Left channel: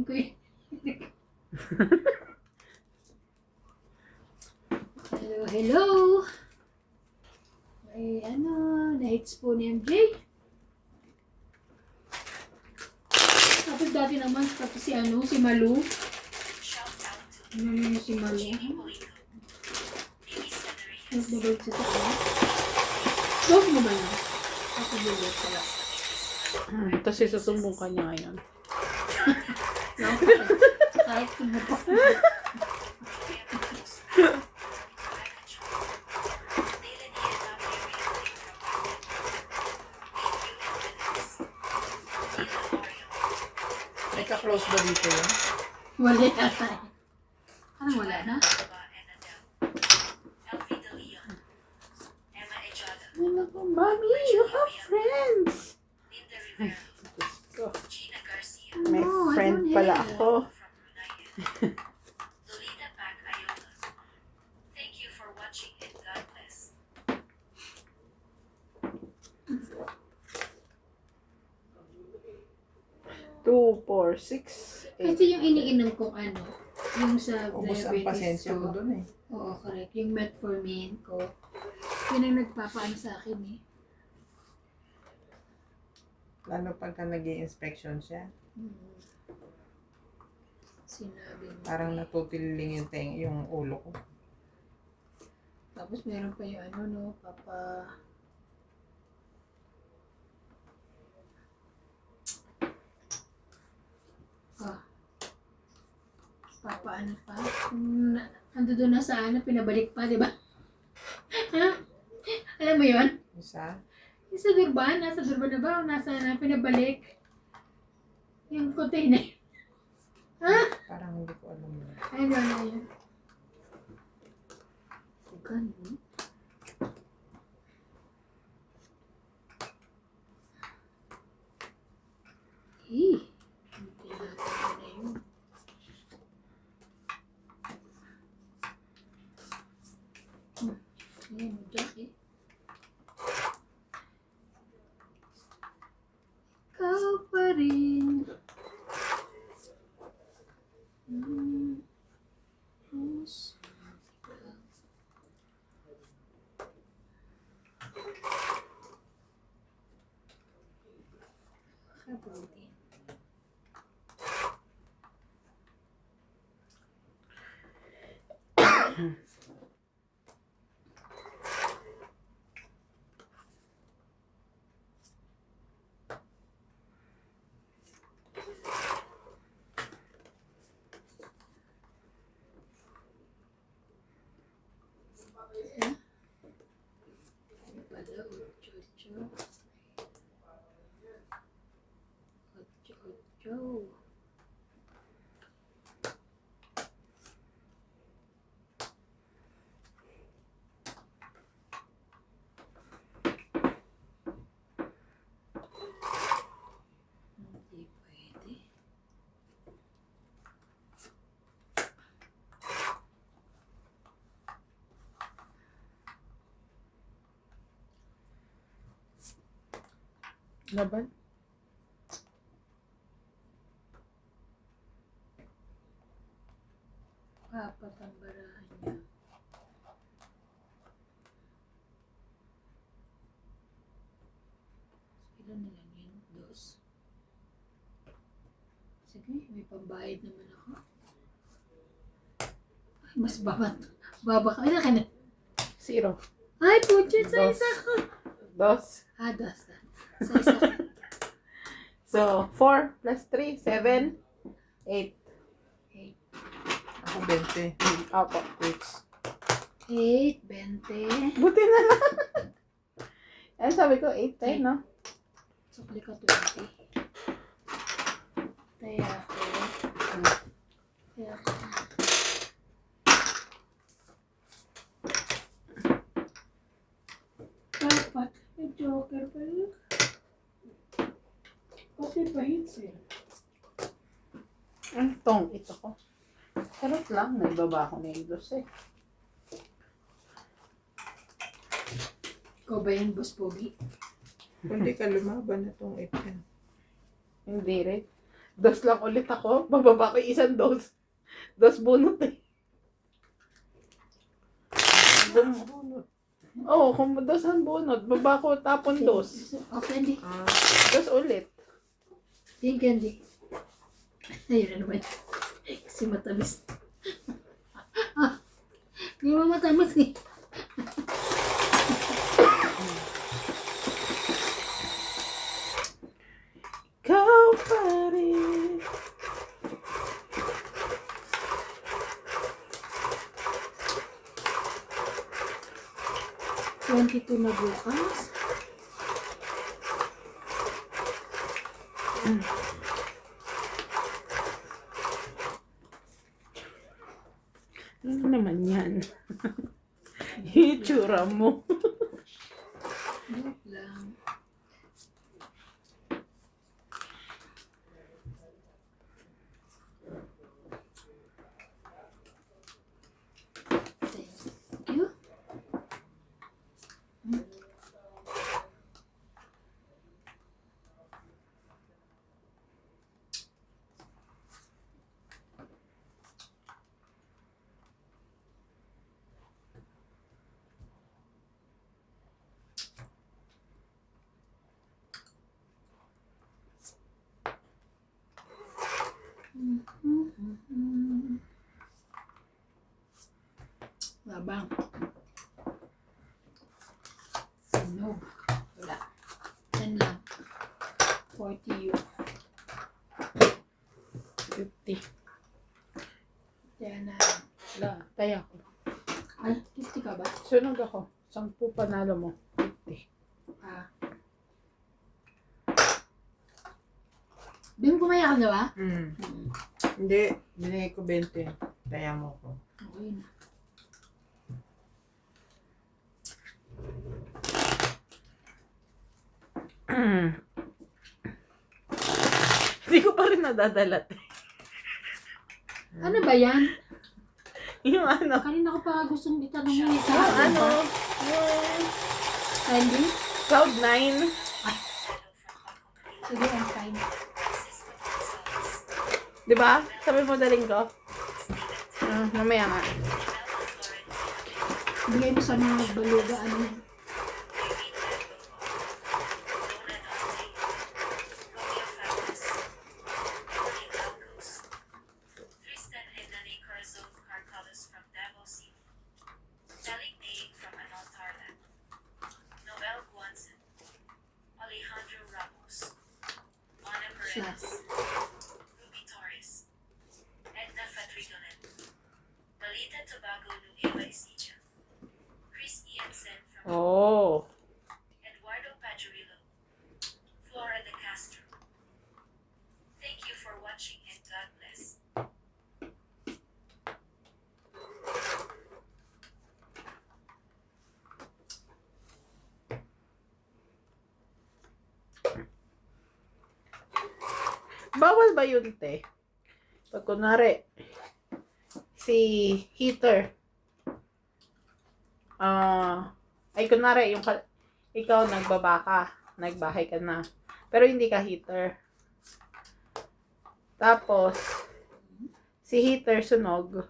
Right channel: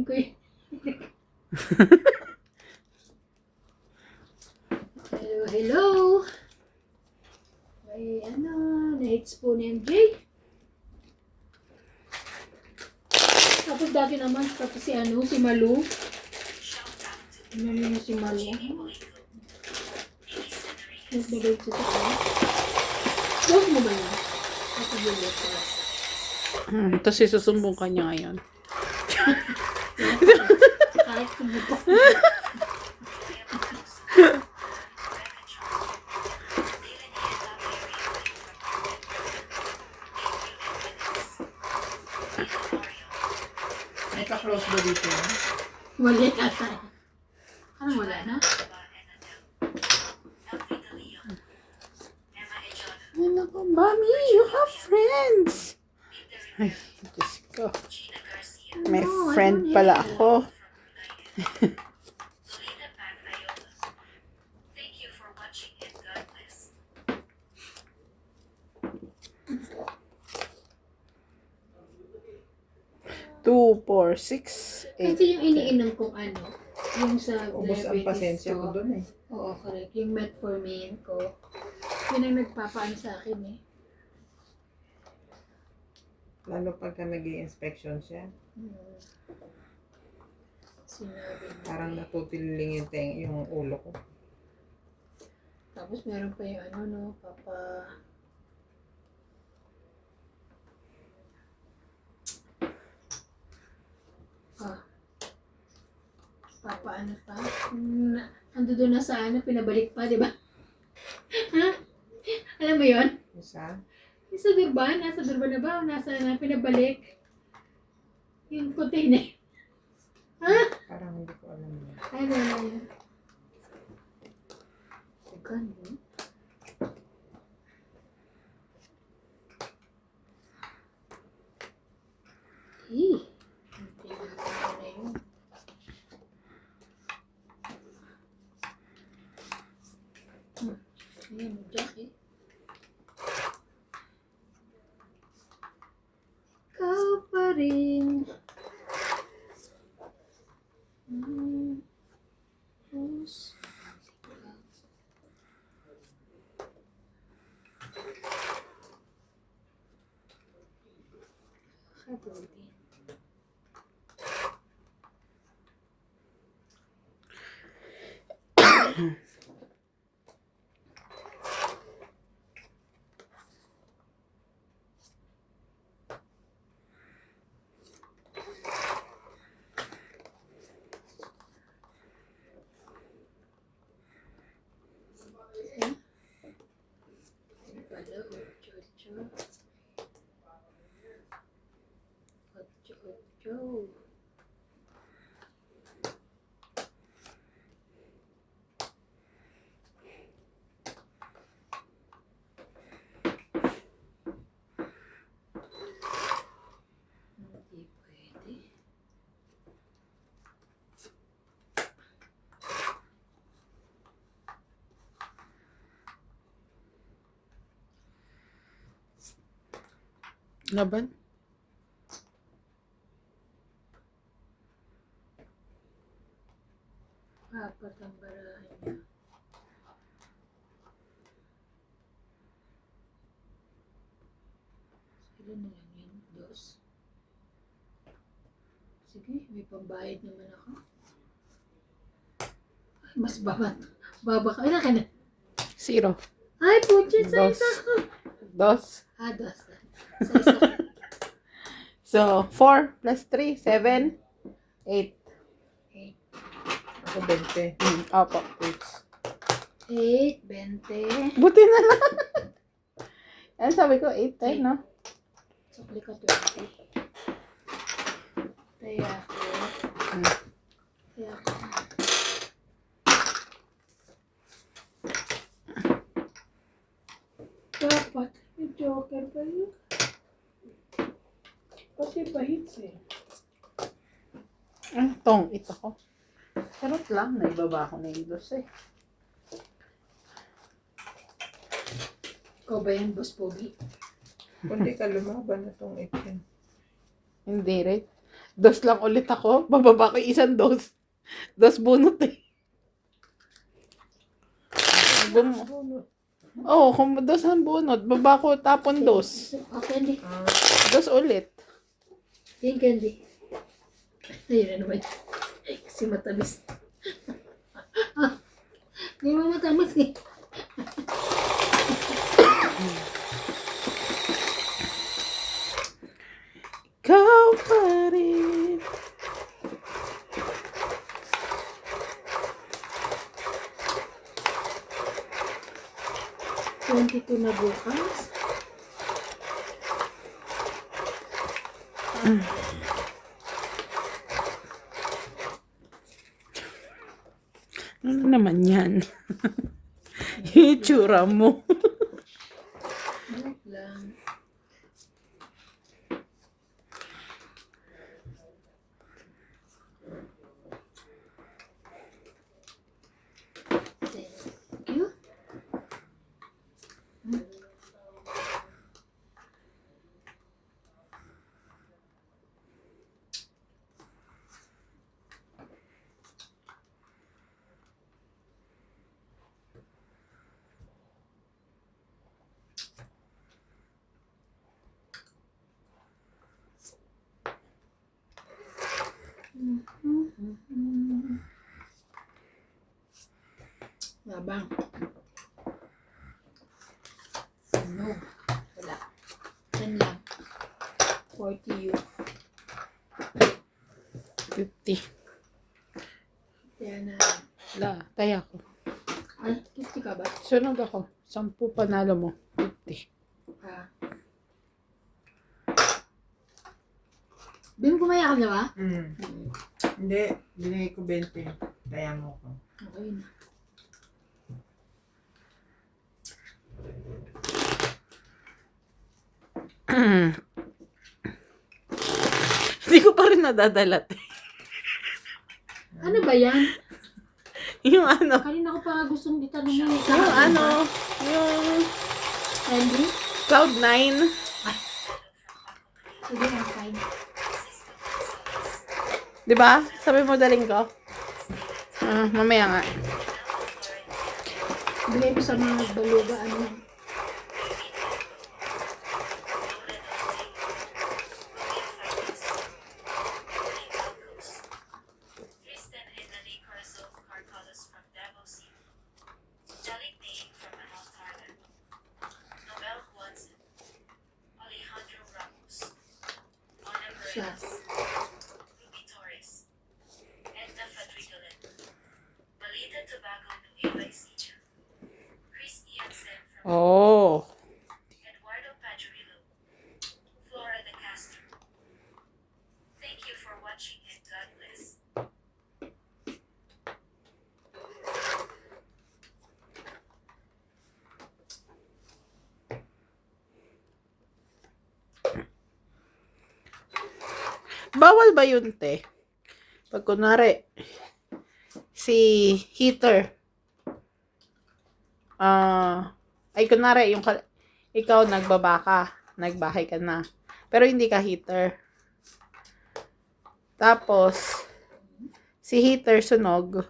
Kukunin ko yun. Hello, hello. May na-hits po ni MJ. Tapos dati naman, tapos si Malu. Ano si Malu? Nagbabalit sa tayo. Love mo ba yun? Ako bulit pala. Tapos isusumbong ka niya ngayon. Kahit sumbong. May ka-close ba dito yun? Wala yata. Anong wala na? Ano po, Mami? You have friends! Ay, Diyos ko. May No, I friend don't pala have. ako. Two, four, six, eight. Kasi yung iniinom kong yung sa Ubus ang diabetes pasensya ko ko. dun eh. Oo, correct. Yung metformin ko. Yun ang nagpapaano sa akin eh. Lalo pagka nag-i-inspection siya. Sinabi mo. Parang natutiling yung ulo ko. Tapos meron pa yung papa... Papa pa? Ando doon na sa pinabalik pa, di ba? Ha? Alam mo yun? Isa? Yung sa Durban, nasa Durban na ba? O nasa pinabalik? Yung container. Ha? Parang hindi ko alam yun. Ay, wala yun. Ganun. Hindi natin na yun. Ayan, mag-jack eh. Ikaw pa rin. Kabuti. Ocho. Hindi pwede. Laban? Apat ang barahan niya. Ilan na lang yun? Dos? Sige, may pambayad naman ako. Ay, mas baba ka. Ilan ka na? Zero. Ay, putya sa Dos. isa ko. Dos. Dos. Sa isa ko. So, 4 plus 3, 7, 8. Ako 20. Apo, wait. 8, 20. Buti na lang. Yan, sabi ko, 8 tayo, no? Sukli ka 20. Kaya ako. Dapat, may joker pa yun. Kasi pahits eh. Ito ko. Sarap lang, naibaba ko na yung dos eh. Ikaw ba yan, Boss Pogi? Hindi ka lumaban na itong 8 yan. Hindi rin. Dos lang ulit ako. Bababa ko isang dos. Dos bunot eh. Oo, kung dos ang bunot, baba ko tapon dos. Okay, hindi. Dos ulit. Yan, candy. Ayun na naman. Kasi matamis. Hindi mo matamis eh. Ikaw pa rin. $22 na bukas. Ano naman yan? Yung itsura mo. Wait lang. Thank you. Labang. No. Wala. Yan lang. 40 yun. 50. Kaya na. Wala, taya ko. Ay, 50 ka ba? Sunog ako. 10 panalo mo. 50. Ah. Bim, kumaya ka na ba? Hindi, binigay ko 20. Kaya mo ko. Okay na. Hindi ko pa rin nadadalat. Ano ba yan? Yung ano, Kanina ko pa gustong itanong mo eh. yung ano, yung Candy? Cloud9. Sige, I'm fine. Di ba? Sabi mo daling ko. Mamaya nga. Bigay ko sa mga baluga, ano. Tristan Henry Carzo Carcalos from Davos, Sally Day from Anotarda, Noel Guanzon, Alejandro Ramos, Ana Siya. Perez, Ruby Torres, Edna Fadrigolen, Dalita Tobago Nueva Ecija, Chris Iansen from Oh. Eduardo Pajurillo, Flora de Castro. Thank you for watching and God bless. Bawal ba yun, te? Pag kunwari, si heater, ay kunwari, ikaw nagbaba ka, nagbahay ka na, pero hindi ka heater. Tapos, si heater sunog.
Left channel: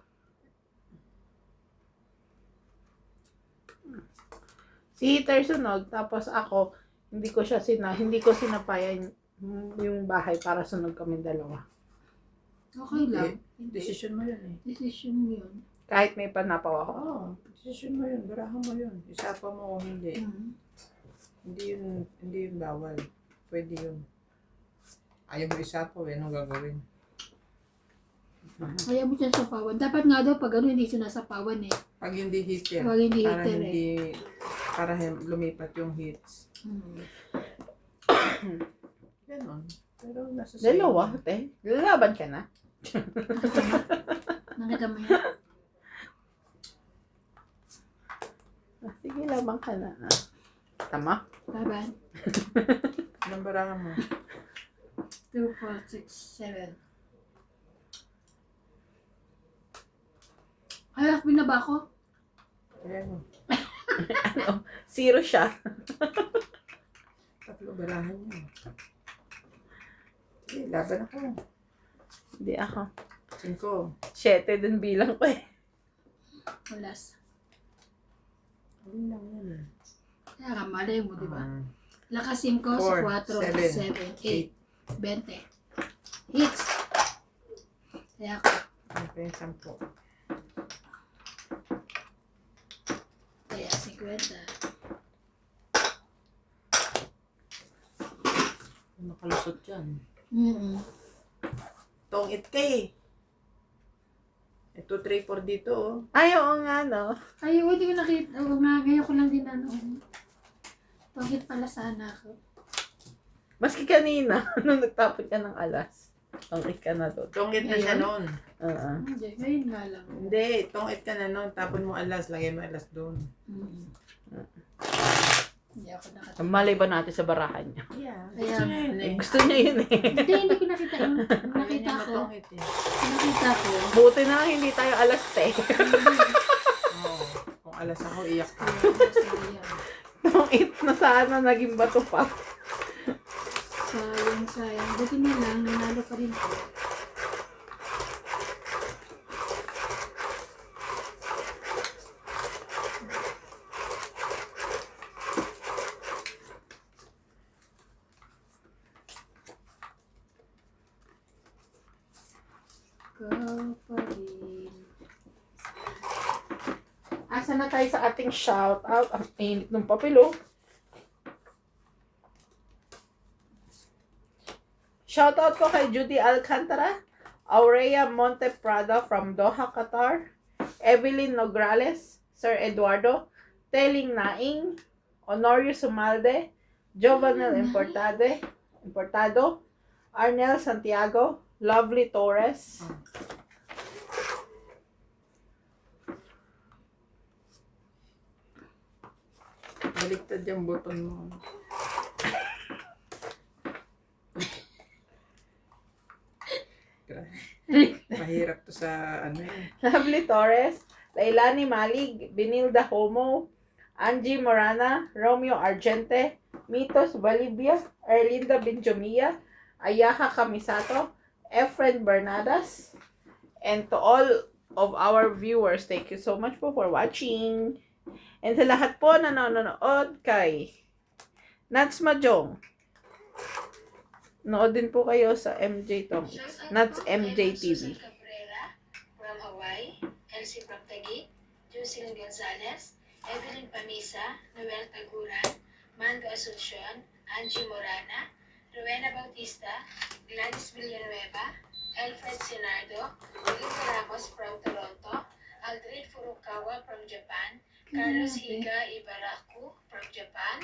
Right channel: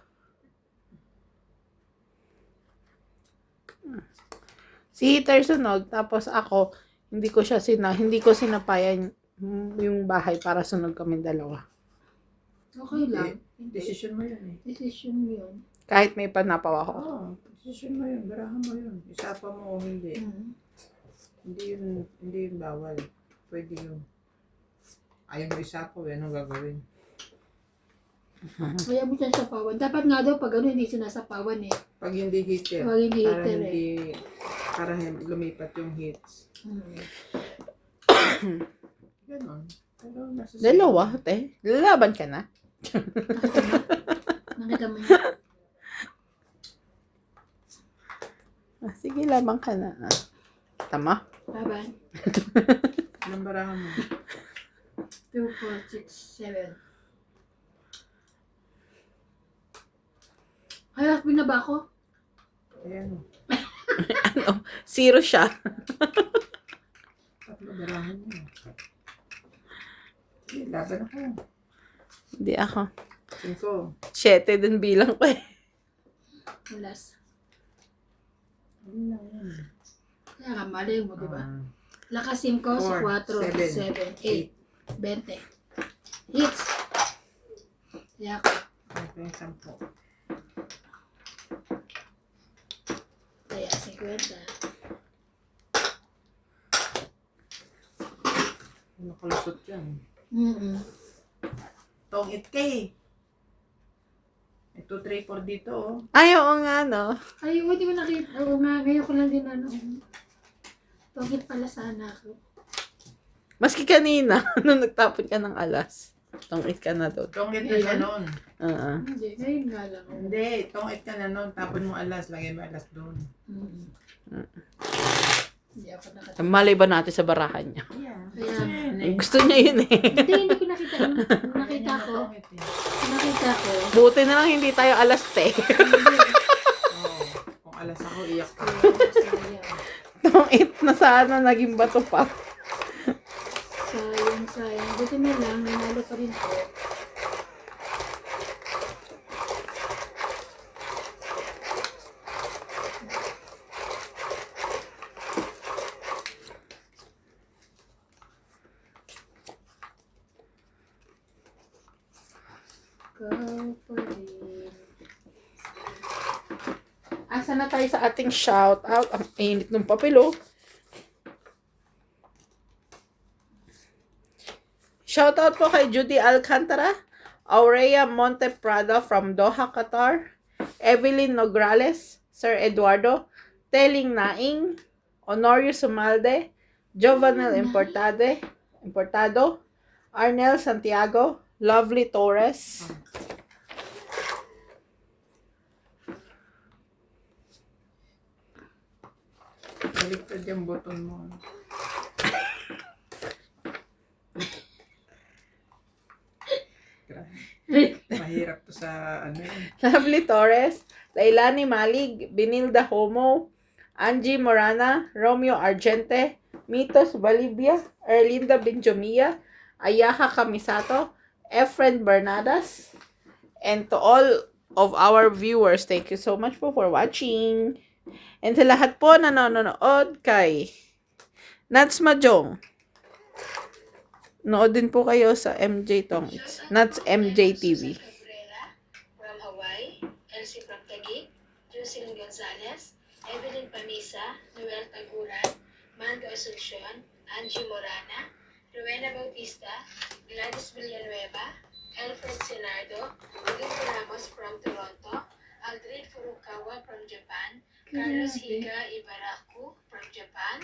Si heater sunog, tapos ako, hindi ko sinapayan yung bahay para sunog kami dalawa. Okay lang. Decision mo yun eh. Decision mo yun. Kahit may panapaw ako. Oo, decision mo yun. Garahan mo yun. Isapa mo o hindi. Hindi yun bawal. Pwede yun. Ayaw mo isapa, anong gagawin? Kaya mo siya sapawan. Dapat nga daw pag ano, hindi sinasapawan eh. Pag hindi heater. Pag hindi para heater hindi, para lumipat yung heats. Ganon. Pero nasa sa'yo. Dalawa, te. Lalaban ka na. Nakita mo yun? Sige, labang ka na. Tama? Bye-bye. Anong barahan mo? 2, 4, 6, 7. Ay, binaba ko. Ayan mo. Ano? Zero siya. Tatlo barahan mo. Sige, laban ako. Hindi ako. 5. 7 din bilang ko eh. Alas. Ano lang yan? Kaya nga, malay mo, di ba? Ah, Lakas 5 sa 4, 7, 7, 8, 20. Hits. Kaya ako. ano pa yung 10? Kaya 50. Nakalusot yan. Tong it kay. Ito 3, 4 dito oh. Ay, oo nga, no? Ay, hindi ko nakita. Oo nga, ngayon ko lang din ano. Pagit pala sana ako. Maski kanina, nung nagtapon ka ng alas. Tungit ka na doon. Tong it ka na nun. Hindi, ngayon nga lang. Hindi, tong it ka na nun. Tapon mo alas, lagay mo alas doon. Hindi ako nakita. Malay ba natin sa barahan niya? Yeah. Kaya, Gusto niya yun eh. Gusto niya yun eh. hindi ko nakita. Yung nakita Ganyan ko, na tong it eh. nakita ko. Buti na lang hindi tayo alas 10. Oo. Kung alas ako, iyak ko. Sayang. Tungit na sana naging bato pa. Sayang. Buti na lang, nanalo pa rin ko. Ikaw pa rin. Asa na tayo sa ating shout out? Ang init ng papel, oh. Shout out po kay Judy Alcantara, Aurea Monte Prada from Doha, Qatar, Evelyn Nograles, Sir Eduardo, Teling Naing, Honorio Sumalde, Jovanel Importado, Arnel Santiago, Lovely Torres, Baliktad yung button mo. Mahirap to sa ano yun. Lovely Torres, Lailani Malig, Binilda Homo, Angie Morana, Romeo Argente, Mitos Valibia, Erlinda Benjomia, Ayaha Kamisato, Efren Bernadas, and to all of our viewers, thank you so much po for watching. And sa lahat po na nanonood kay Nats Majong, nood din po kayo sa MJ Tomits, Nats MJ TV. Cabrera from Hawaii, Elsie from Taguig, Jocelyn Gonzalez, Evelyn Pamisa, Noel Taguran, Mando Asuncion, Angie Morana, Rowena Bautista, Gladys Villanueva, Alfred Sinardo, Olivia Ramos from Toronto, Aldrin Furukawa from Japan, Carlos Higa Ibaraku from Japan,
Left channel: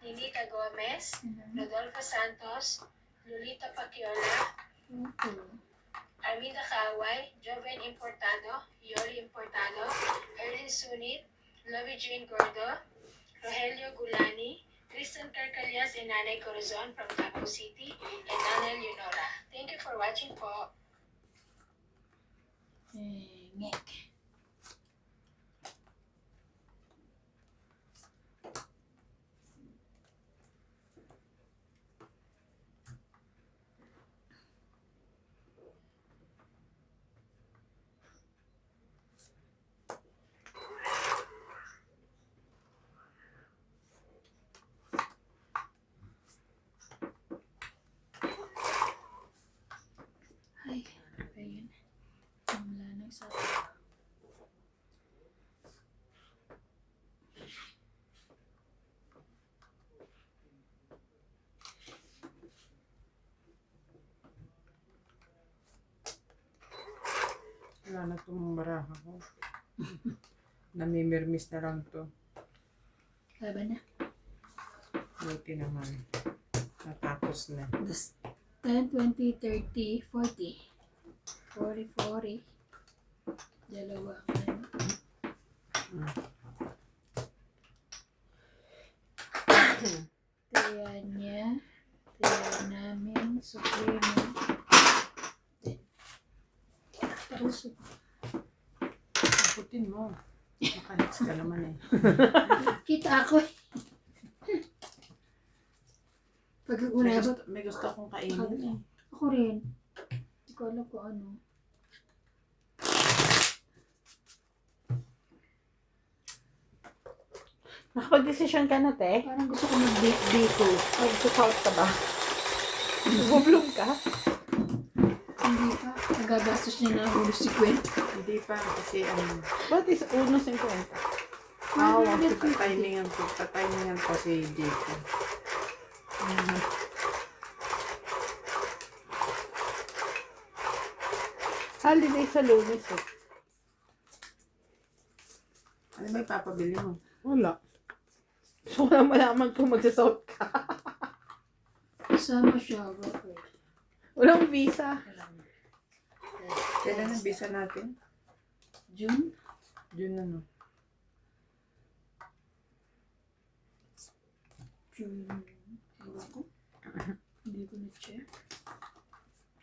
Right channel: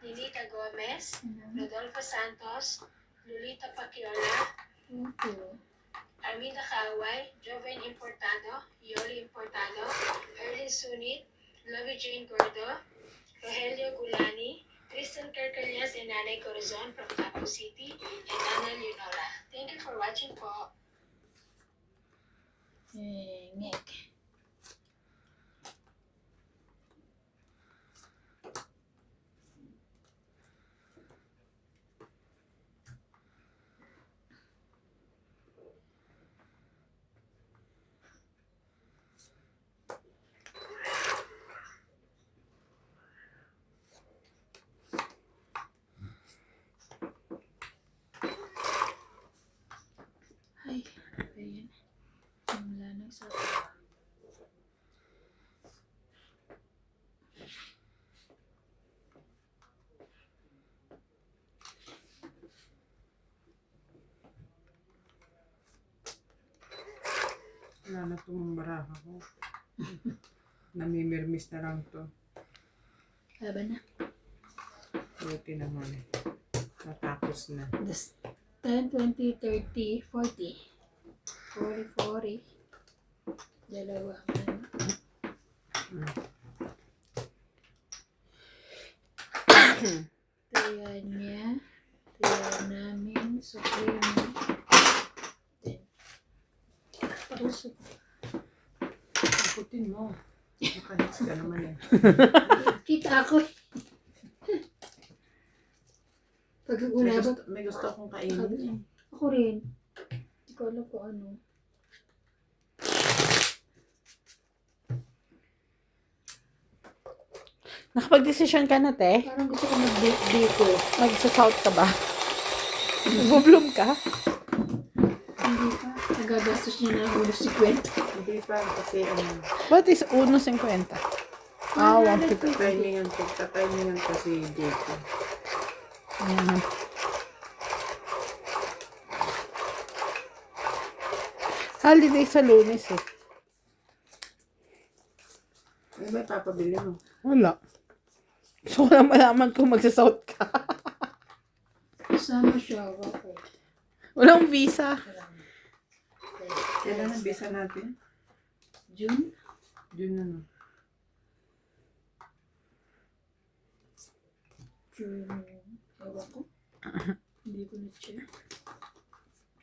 Ninita Gomez, Rodolfo Santos, Lolita Paciola, Armida Kaway, Joven Importado, Yoli Importado, Erlin Sunit, Lovie Jane Gordo, Rogelio Gulani, Kristen Carcalias and Nanay Corazon from Davao City, and Nana Leonora. Thank you for watching po. Ngek. Ay, ayun. Wala na isa. Wala na itong baraha ko. Namimirmis na lang to. Laban na. Buti naman. Natapos na. 10, 20, 30, 40. 40. Dalawa. Kaya niya. Kaya namin. Supremo. Parusok. Taputin mo. Makanits ka naman eh. Kita ako eh. Pag May ulabot. gusto akong kainin eh. Ako rin. Hindi Kala ko ano. Nakapag-desisyon ka na, te? Parang gusto ko mag-bake dito. Mag-south ka ba? Mag-bloom ka? Hindi pa. Nagagastos niya na ulo si Kwento. Hindi pa kasi What is 1.50? Ah, Wala na pagka-timingan kasi dito. Holiday sa Lunes eh. Ano ba papabili mo? Wala. Gusto ko lang malaman kung magsa-south ka. Kasama siya. Okay. Walang visa. Kailan ang visa natin? June? June ano? June. Ewan ko. Hindi ko na-check.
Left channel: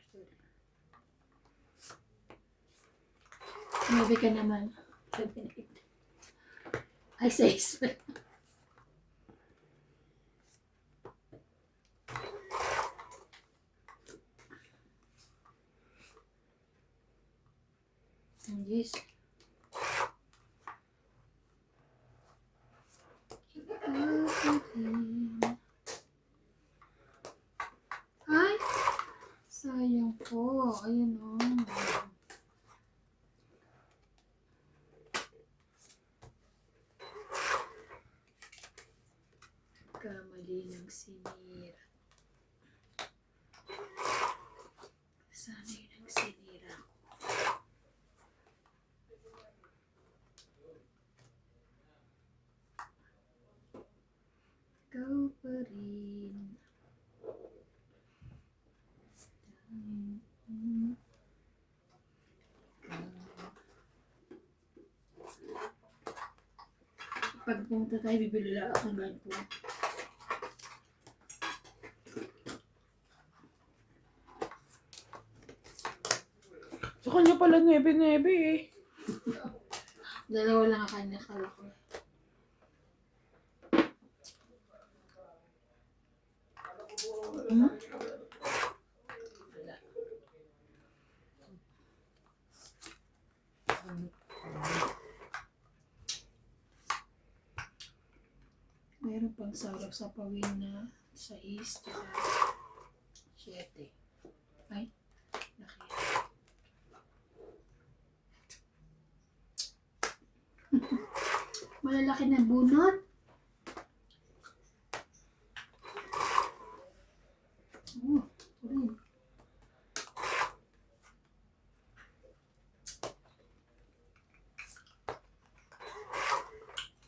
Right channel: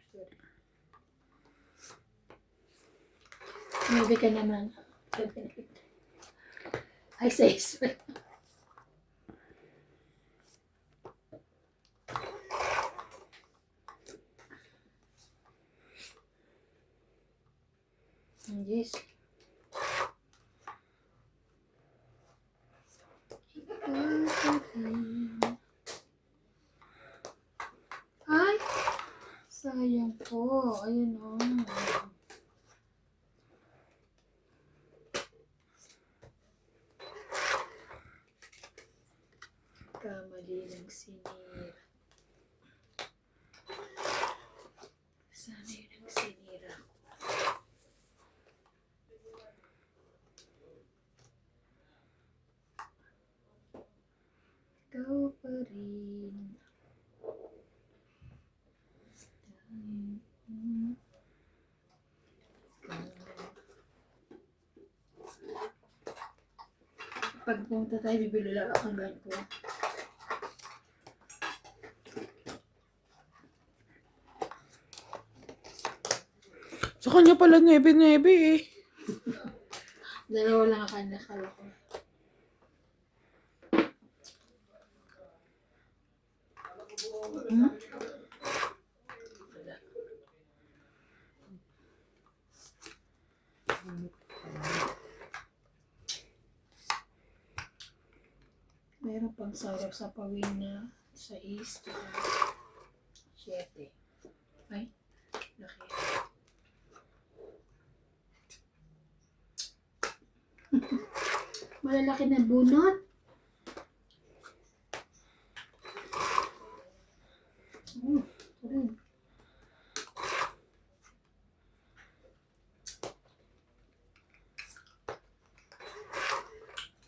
Sorry. Maybe ka naman. Ay, says. Yes. Ay! Sayang po. Ayun o. Kamali ng sinira. Sana yun ang sinira ko. Ikaw pa rin. Pag pumunta tayo, bibili lang ako ng ganito. Sa kanya pala nebe-nebe eh. Dalawa lang ang kanya kala ko. Hmm? Meron pang sarap sa pawin na sa east. 7. Ay, laki. Malalaki na bunot. Rin.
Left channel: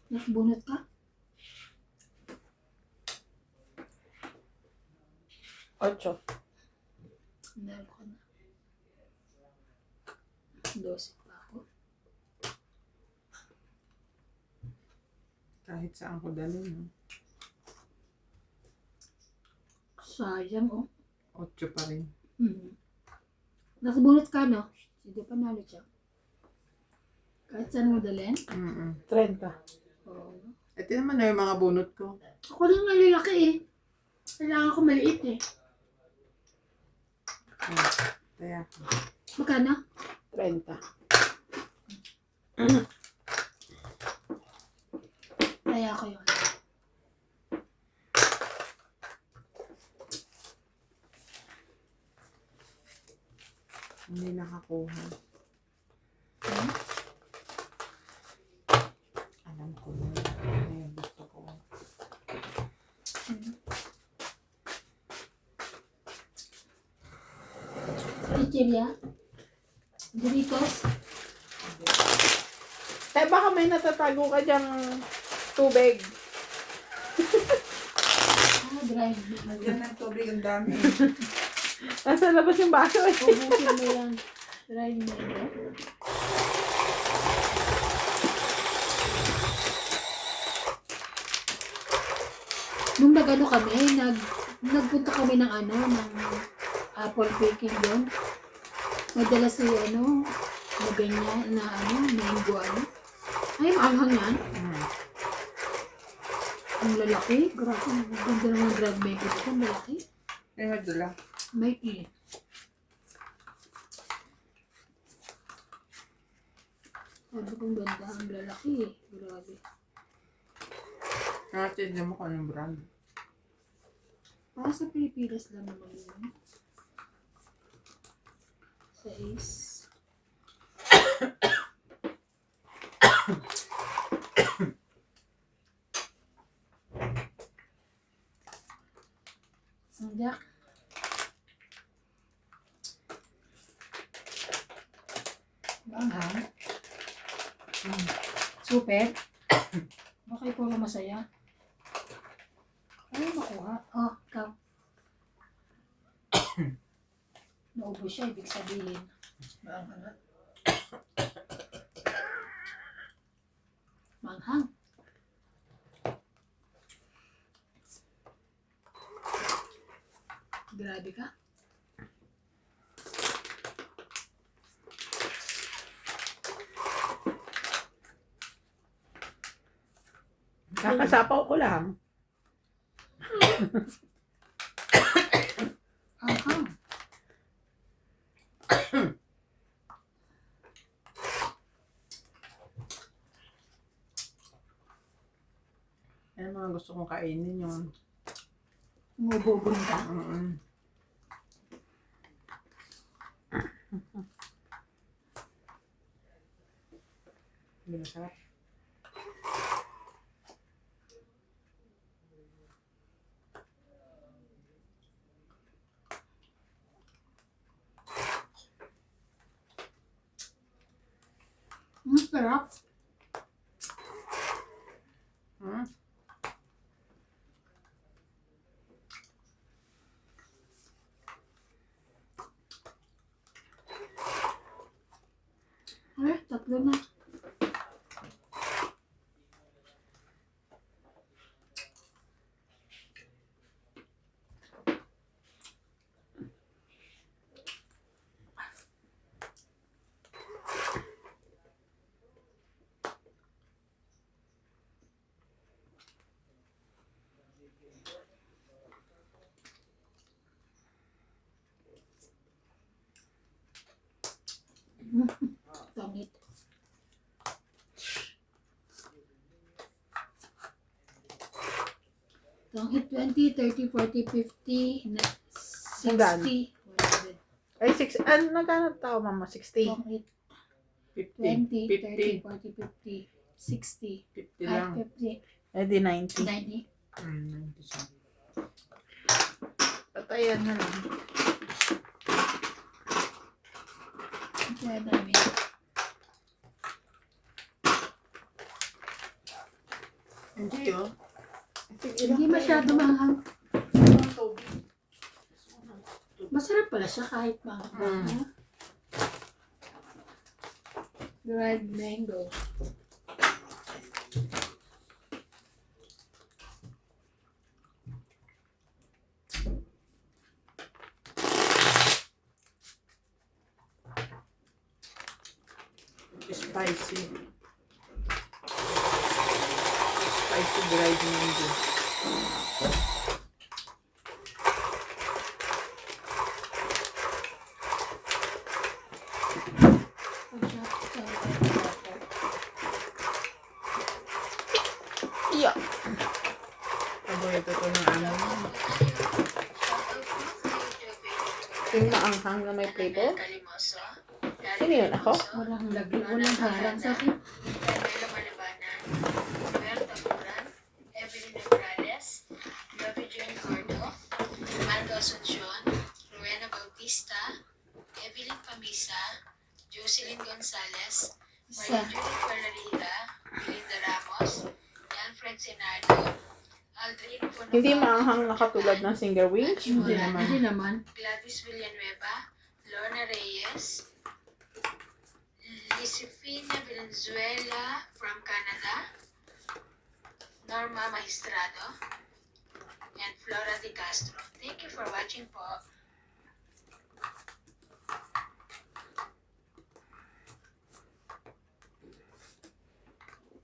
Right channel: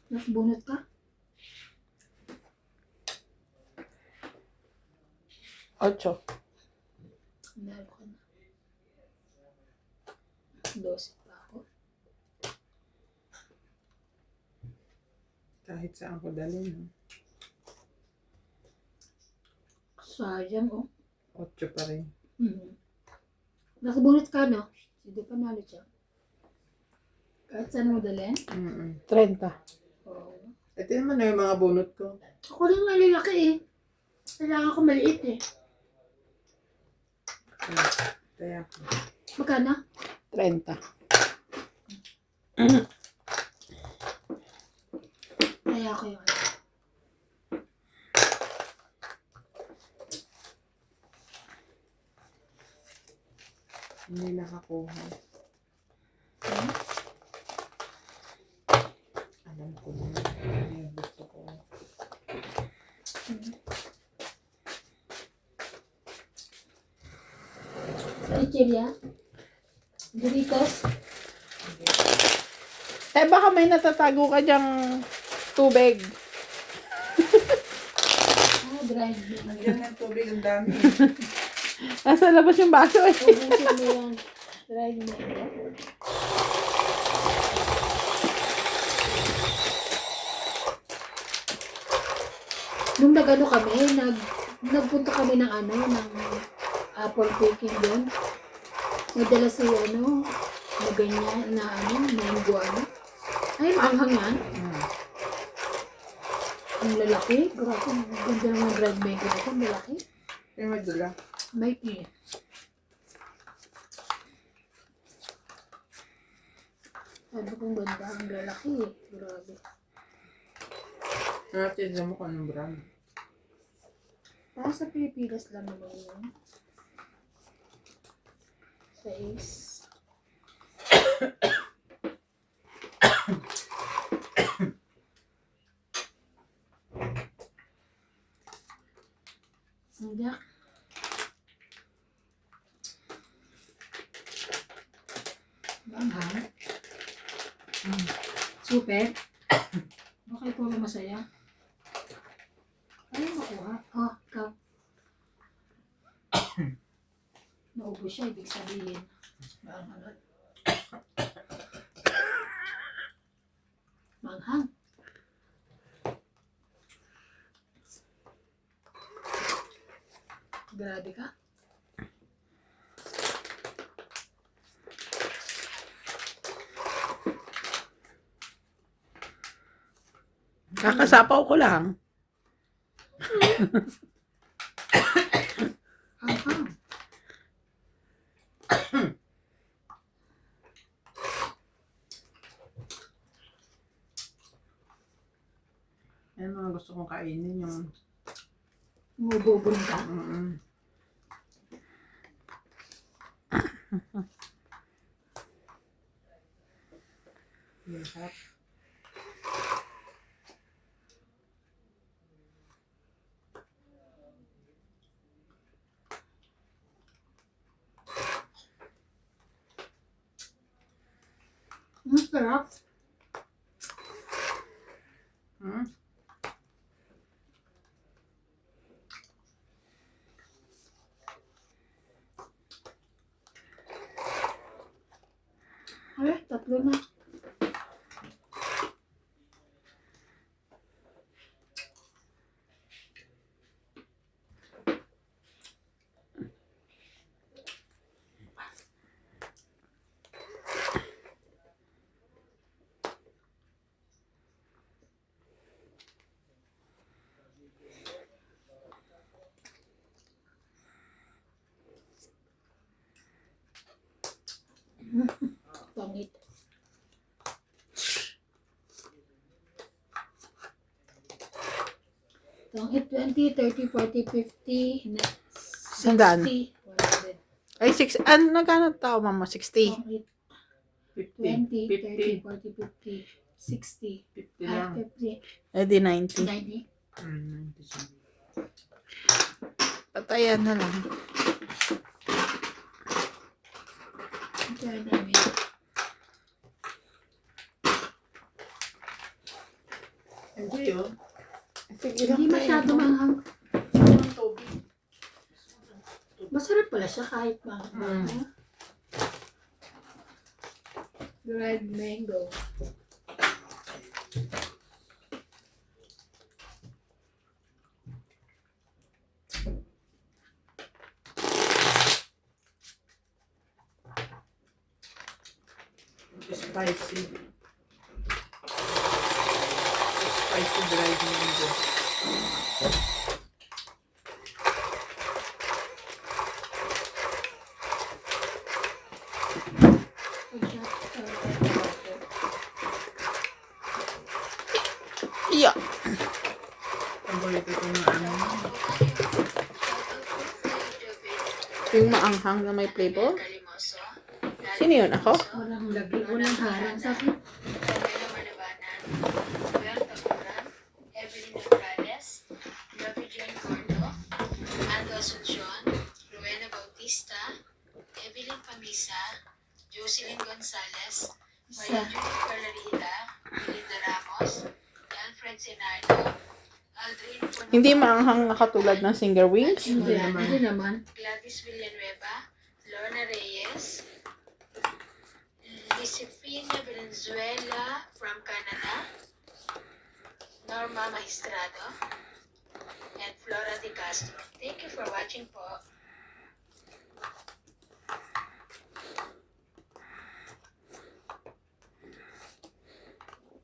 Nakabunot ka? 8. Nalo ka na. 12 pa ako. Kahit saan ko dalhin. Sayang oh. 8 pa rin. Nakabunot ka no? Hindi pa nalo siya. Kahit saan mo dalhin? 30. Oo. Ito naman na yung mga bunot ko. Ako lang malalaki eh. Kailangan ko maliit eh. Kaya Magkano? 30. Kaya ko yun. hindi nakakuha. Alam ko na. Ano yung gusto ko. Chichirya? Doritos? Eh baka may natatago ka dyang tubig. Dried. Nandiyan ng tubig ang dami. Nasa labas yung baso eh. Ubusin mo yan. Dried mango. Nung nagano kami, nagpunta kami ng apple picking doon. Madala si ganyan na mango Ay, maanghang yan. Ang lalaki. Grabe, ang ganda naman dried mango ko. Ang lalaki. May madala. May tea. Sabi kong ganda, ang lalaki eh. Grabe. Natin mo kung anong brand. Para sa Pilipinas lang naman yun. Sa Ace. Hindi. Banghang. Super. Baka ikaw lang masaya. Ano makuha? Oh, ikaw. Naubos siya, ibig sabihin. Banghang. Banghang. Grabe ka. Kakasapaw ko lang. Anghang. Yan mga gusto kong kainin yung Umububon ka. Hindi masarap. Sarap. Hmm? Ay, tatlo na. Pangit. Pangit 20, 30, 40, 50, Sandaan. 60, 100. Ay, 6. Ano, nagkano tao, mama? 60. Pangit 50. 20, 30, 50. 40, 50, 60, 50 lang. 50, Eh, di 90. 90. 90 siya. Patayan na lang. Ito na namin. Hindi oh. Hindi masyado manghang. Masarap pala siya kahit manghang. Dried mango. Spicy. Spicy dried mango. Iya. Paborito ko ng ano. Yung maanghang na may flavor. Sino yun? Ako? Walang lagli, walang harang sa akin. Daniela Malabanan, Berta Moran, Evelyn Morales, Gabi Jane Gordo, Ando Asuncion, Rowena Bautista, Evelyn Pamisa, Jocelyn Gonzalez, Maria Isa. Julie Perlarida, Melinda Ramos, Alfred Senardo, Aldrin Puno, Hindi maanghang na katulad ng Singer Wings. Hindi naman. Gladys Villanueva, Lorna Reyes, Lisifina Valenzuela from Canada, Norma Magistrado, and Flora Di Castro. Thank you for watching po.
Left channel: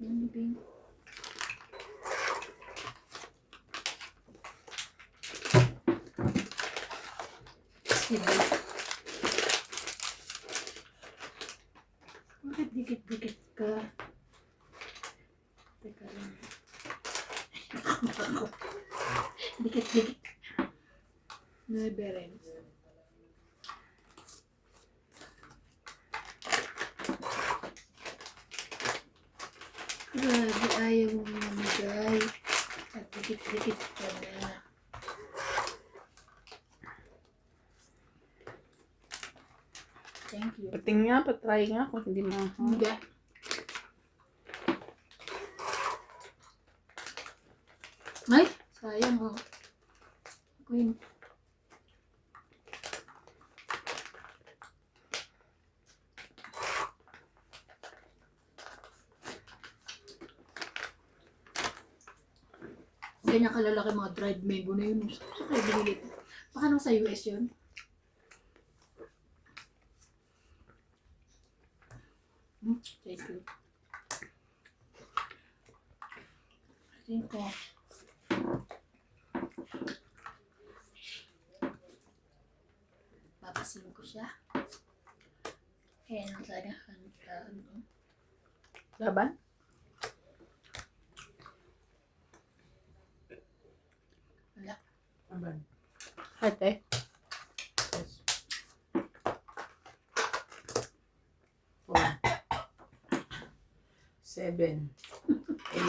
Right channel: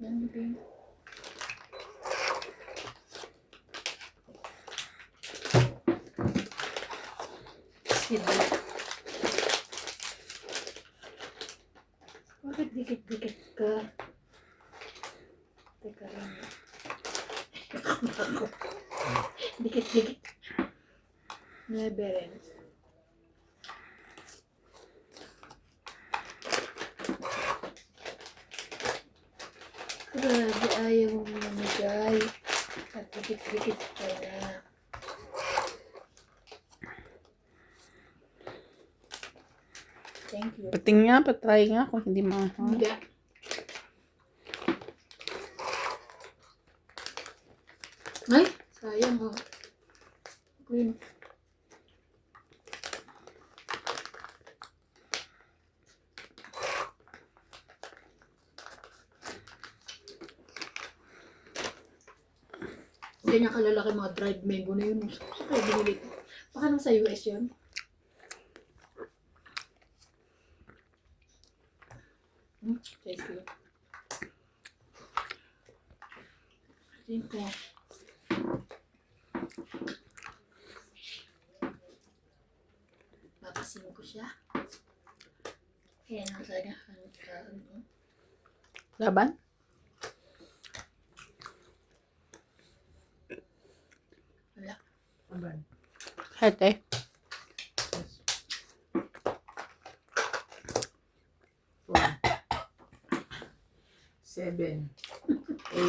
Ano ba yun? Sibol. Bakit dikit-dikit ka? Teka lang. Ako. Dikit-dikit. Never ends. Grabe, ayaw mo mamigay. At dikit-dikit ka na. Thank you. Pating nga, patry nga kung hindi mo. Hindi. Ay, sayang oh. Queen. Ganyan kalalaki mga dried mango na yun. Saan kayo binili ito? Baka nang sa US yun? Thank you. Thank you. Papasin ko siya. Ayan ang talaga ang Laban? wala. Aban. Harte. Yes. 4, 7, 8,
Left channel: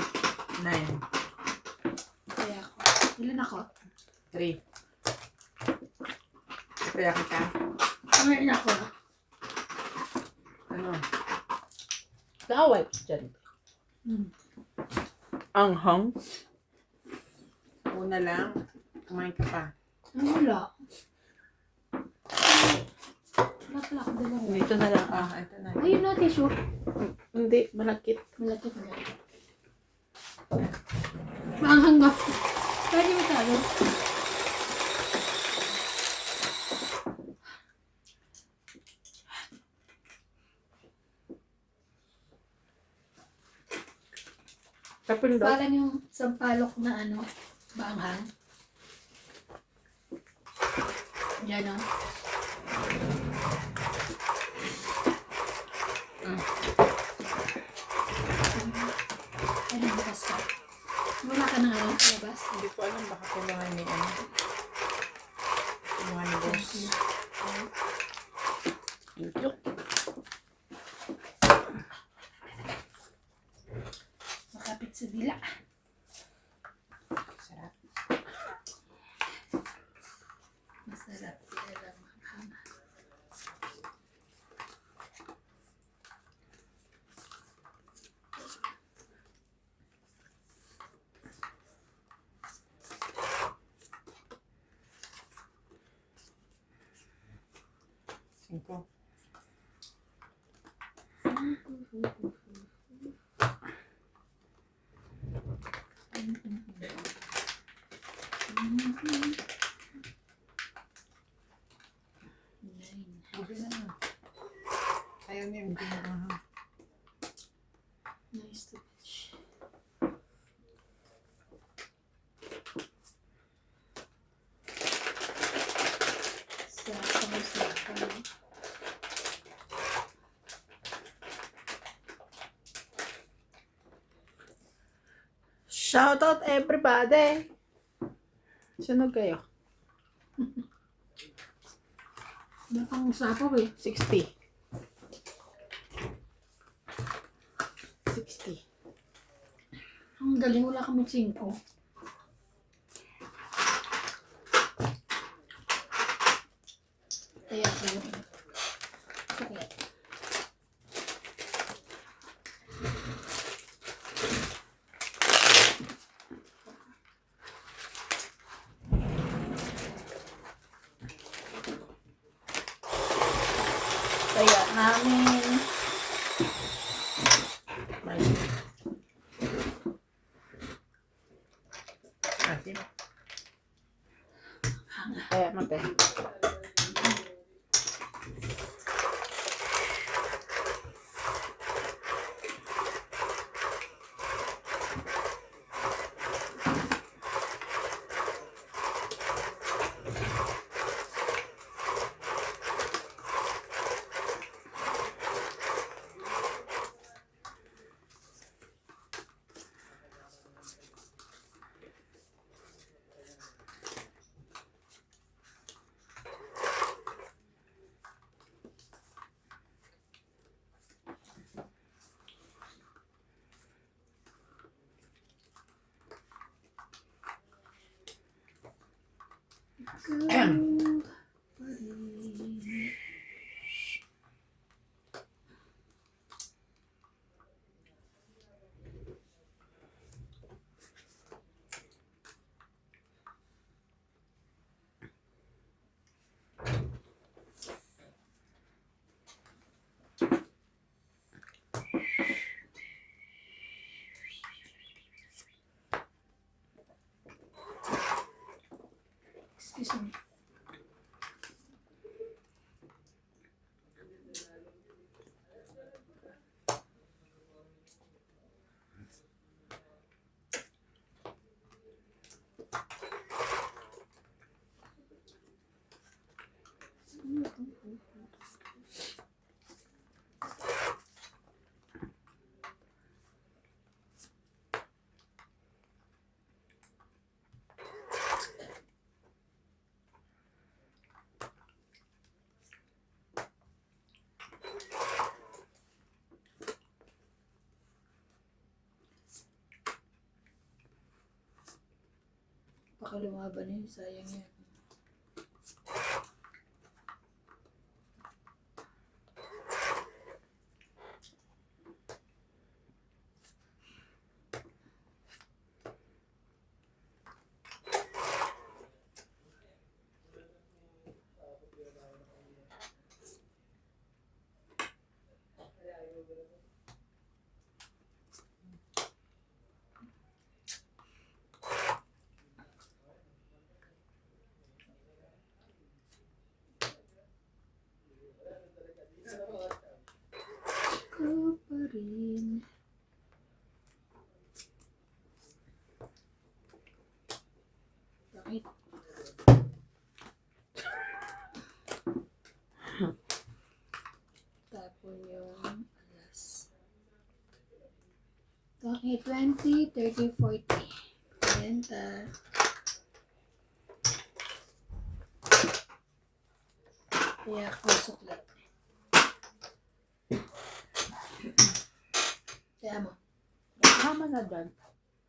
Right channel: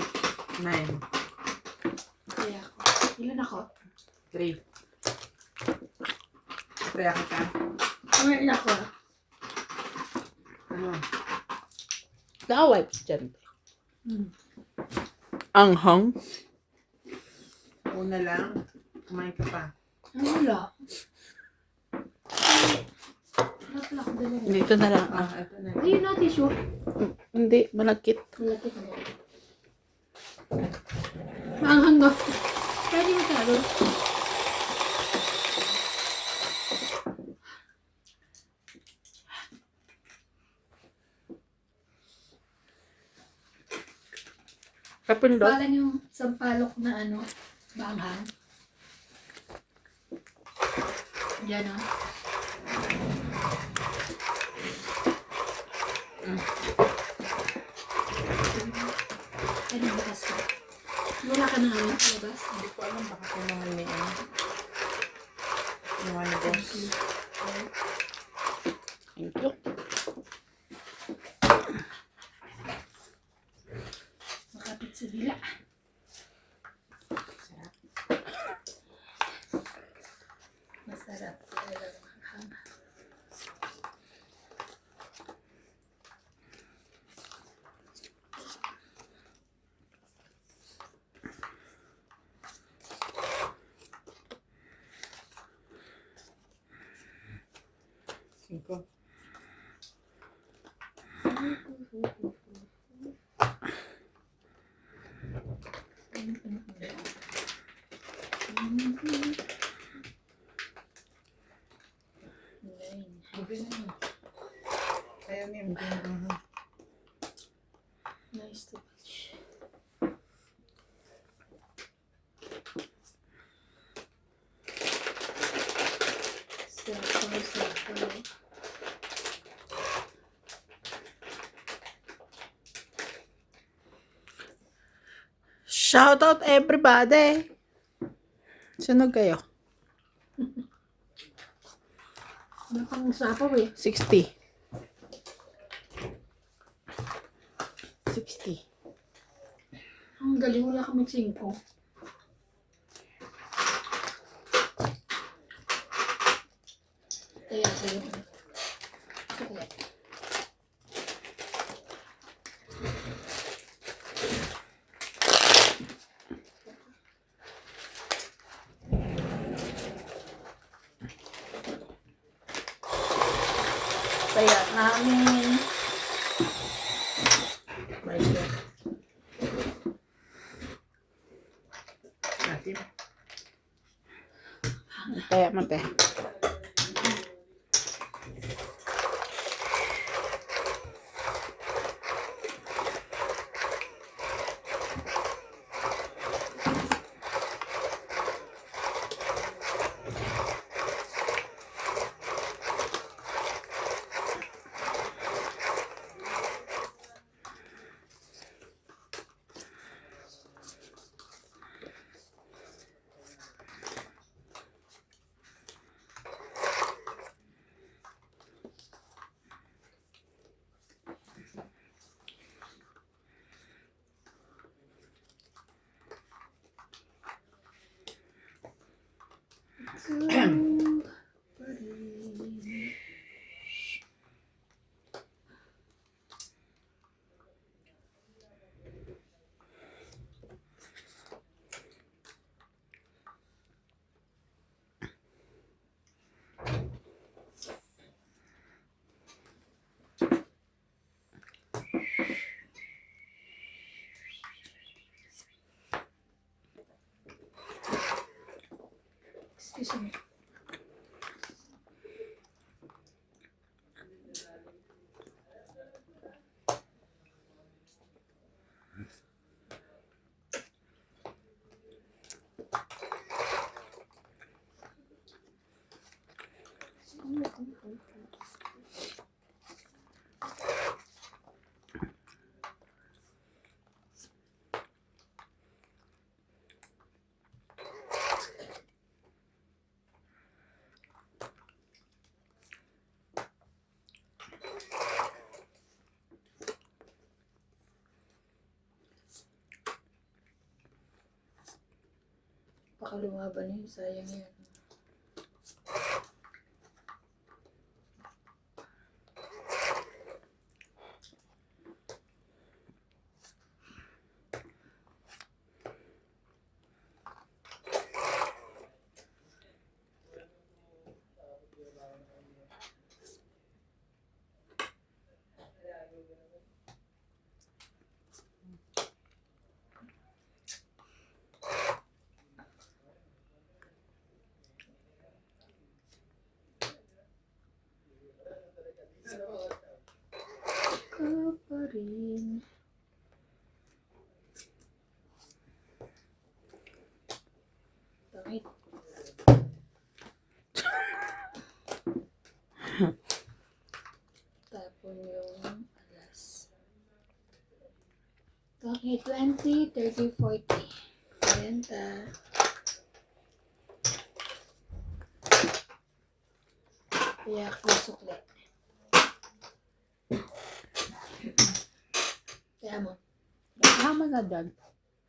9, Kaya ako. Ilan ako? 3. Kaya ka? Ilan ako? Ano? Kaaway ko dyan. Anghang. Una lang, kumain ka pa. Ay, wala. Wala pala ako dalawa. Dito na lang. Ah, ito na. Ayun na, tissue. Hindi, malakit. Malapit na yan. Maanghang na. Kaya di matalo. Kapindot. Parang yung sampalok na ano, maanghang. Diyan o. Ay, nabukas ka. Wala ka na nga rin sa labas. Hindi ko alam baka kailangan ni ano. Kailangan ni boss. Thank you. Makapit sa dila. Sarap. Masarap. Talaga maanghang. Cinco. Nine. Okay na yun. Ayaw niya. Hindi na. Nice to touch. Sapo. Shout out everybody. Sunog kayo. Ano pang sapo eh? 60. 60. Ang galing, wala kami 5. Kaya ko yung ano. Chocolate. Kaya namin. Nice. Asim. Kaya mate. Go. Excuse me. Baka lumaban eh, sayang yan. Ka pa rin. Bakit? Tapon yung alas. Bakit? 20, 30, 40. 40. Kaya ako suklat. Kaya mo. Tama na dyan.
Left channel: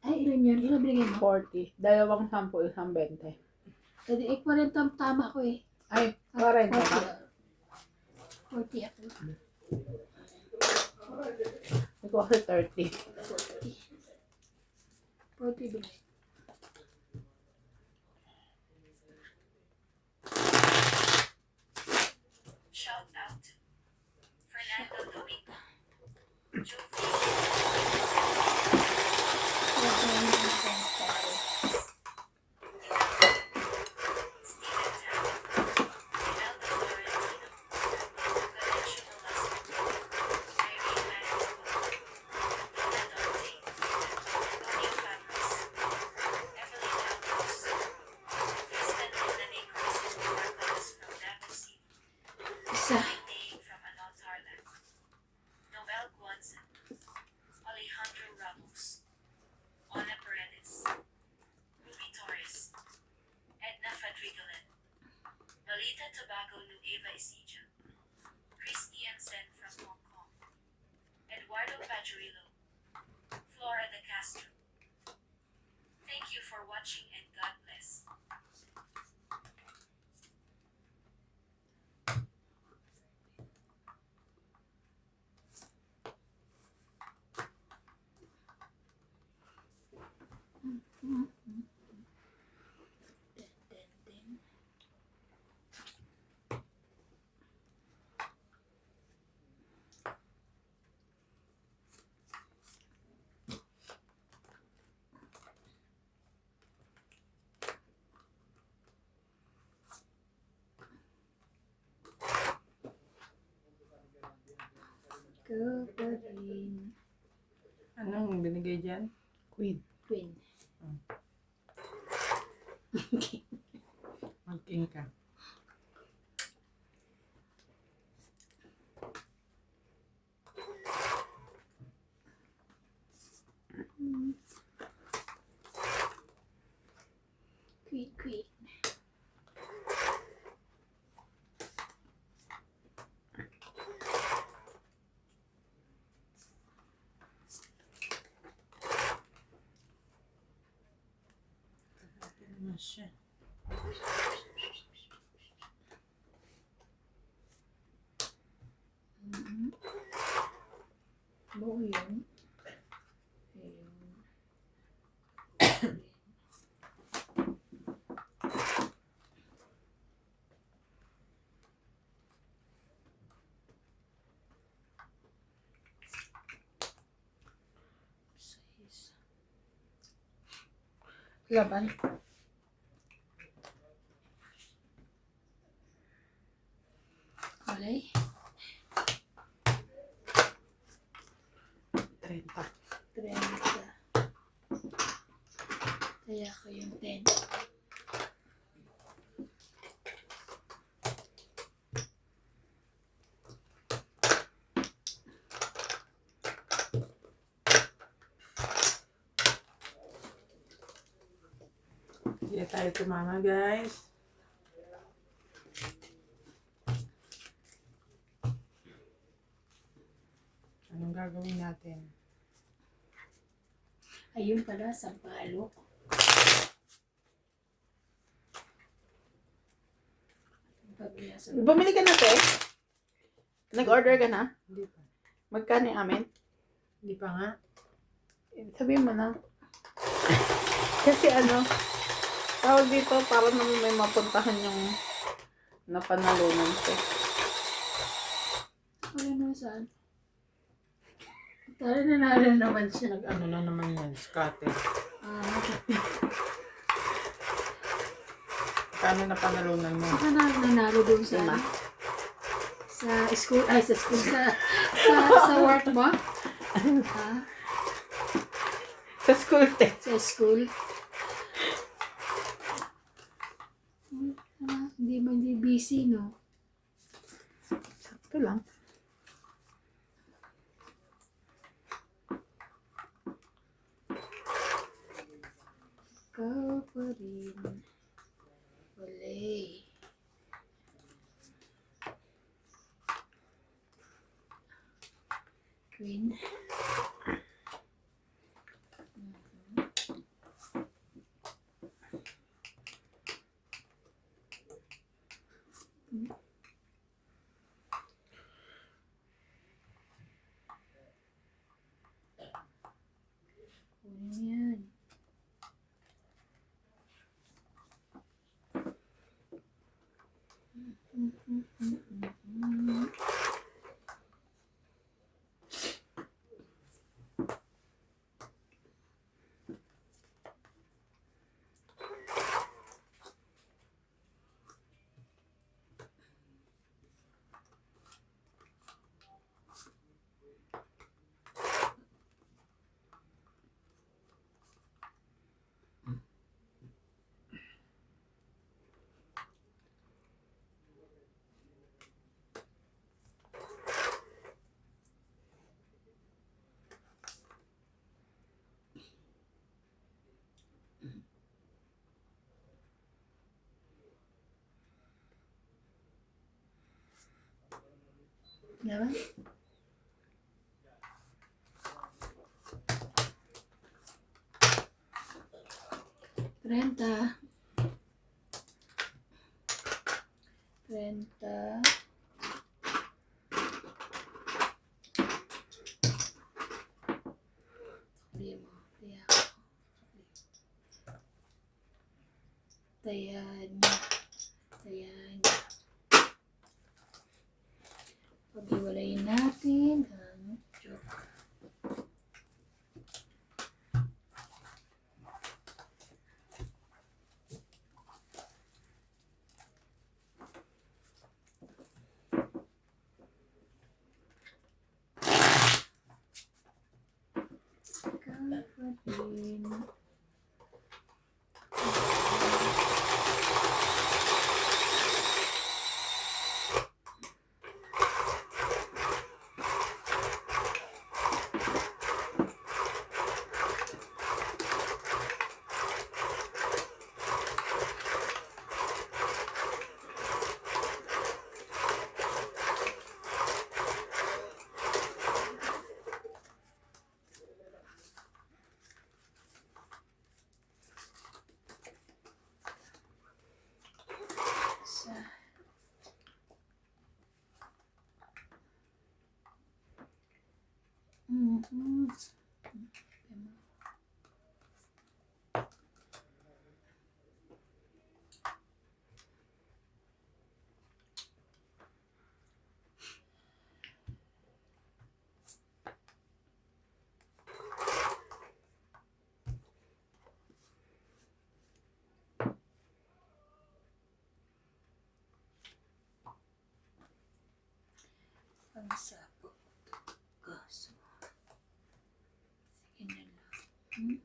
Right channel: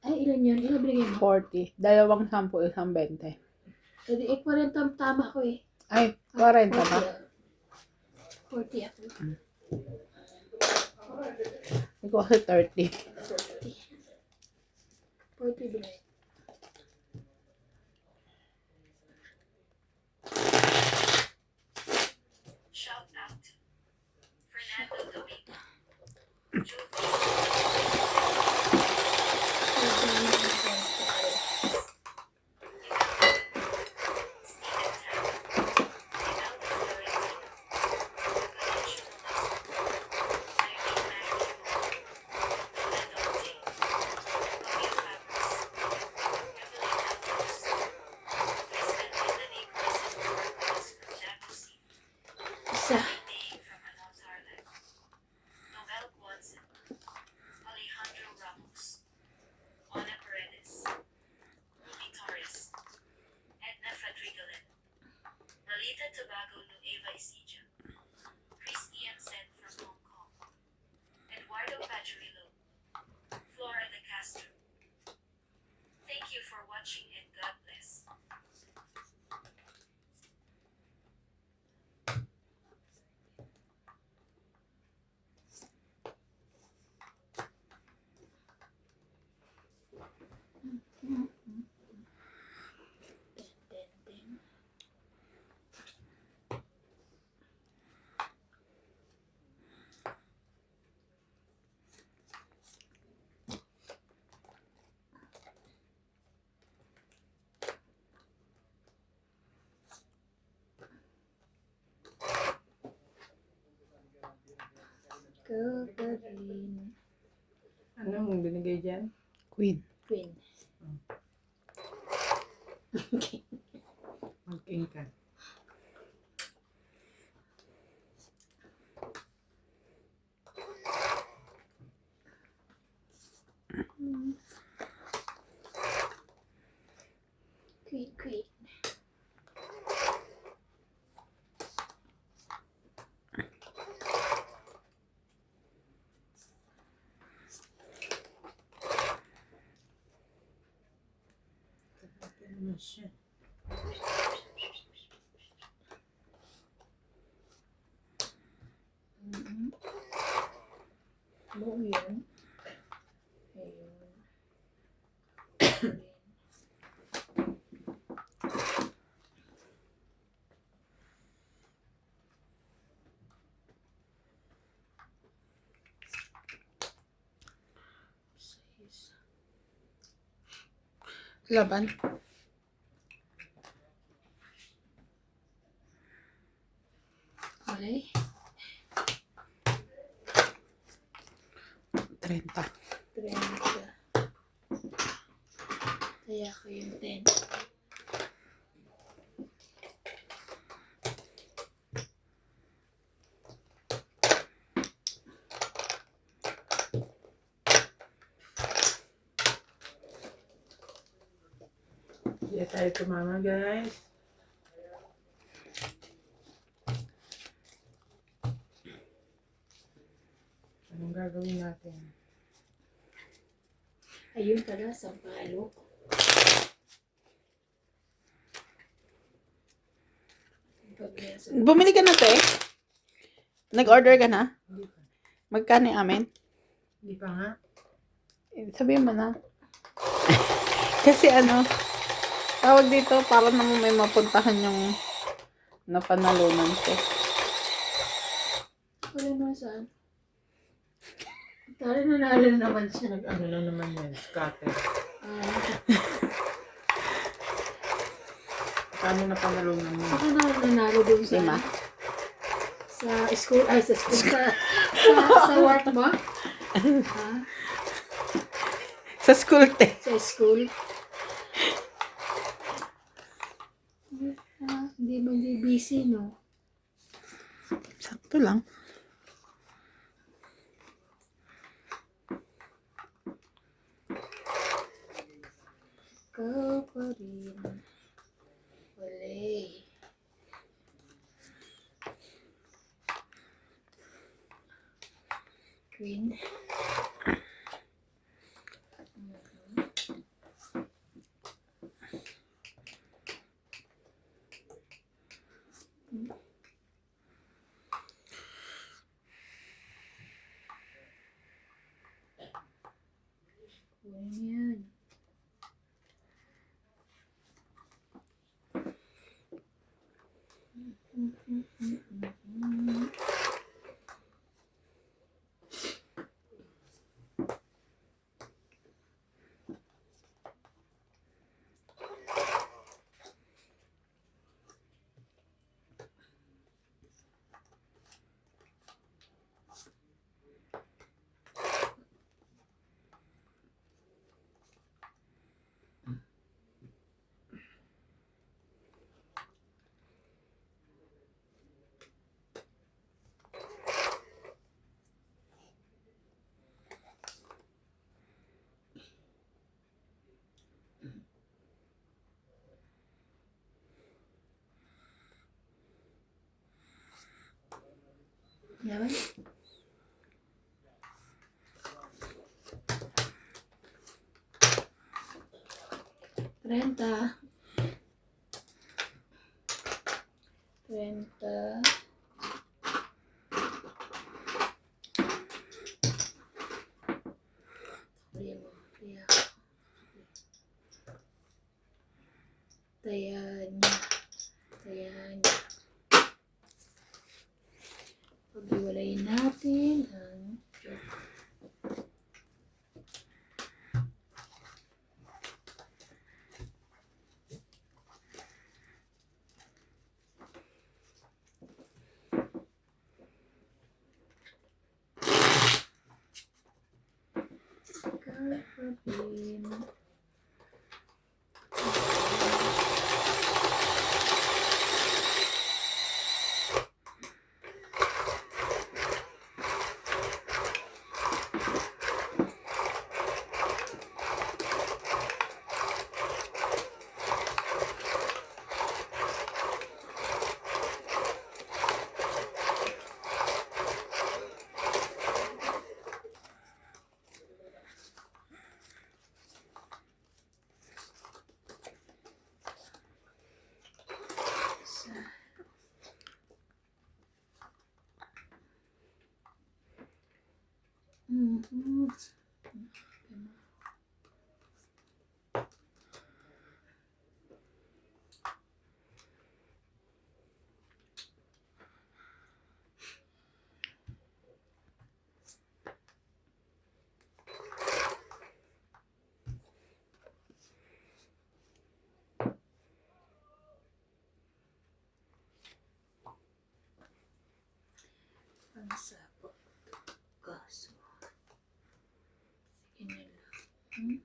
Ay, ilan yun? Ilan binigay mo? 40. 2 10, 1 20. Kasi 40 tama ko eh. Ay, 40 na. 40 ako. Ito kasi 30. 40 binigay. Shout out. Fernando Domingo. Joe Isa. from Anon Tarlac. Nobel Guanzin. Alejandro Ramos. Ana Paredes. Ruby Torres. Edna Fadrigalan. Malita Tobago Nueva Ecija. Christian Sen from Hong Kong. Eduardo Pajuelo. Flora de Castro. Thank you for watching and God bless. Ka pa rin. Anong binigay dyan? Queen. Queen. Mag-king ka. Queen, queen. Ano siya? Buo yun. Ayun. Laban. Okay. 30. 30. Kaya ko yung 10. Hindi tayo tumama, guys. Anong gagawin natin? Ayun pala, sampalok. Bumili ka na, te? Nag-order ka na? Hindi pa. Magkano yung amin? Hindi pa nga. Sabihin mo na. Kasi tawag dito para naman may mapuntahan yung napanalunan ko. Wala naman saan. Tara, nanalo naman siya. Nag-ano lang naman yan, scatter. Paano na panalunan mo? Saka nanalo doon sa Lima. sa school, ay sa school, sa work mo? Ha? Sa school, te. Sa school? Hindi man di busy, no? Sakto lang. Ikaw pa rin. Wala. Queen. Kunin yan. Yaman? Renta. Renta. Tayan. Tayan. Pag-iwalayin natin ang joke. Kapatid. Hmm. Pangsapo. Kaso. Sige na lang. Hmm?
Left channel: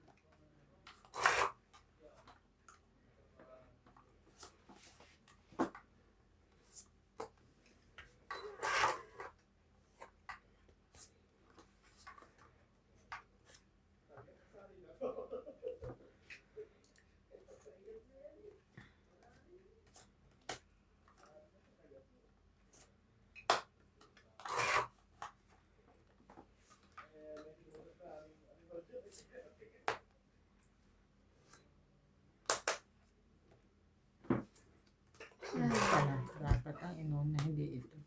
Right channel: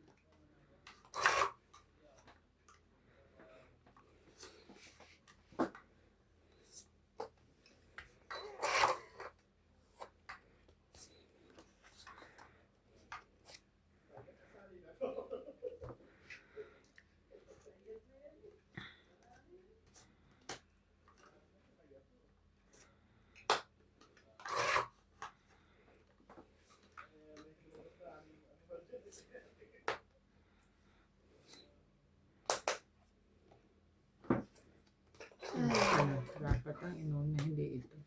Dapat ang inuna, hindi ito.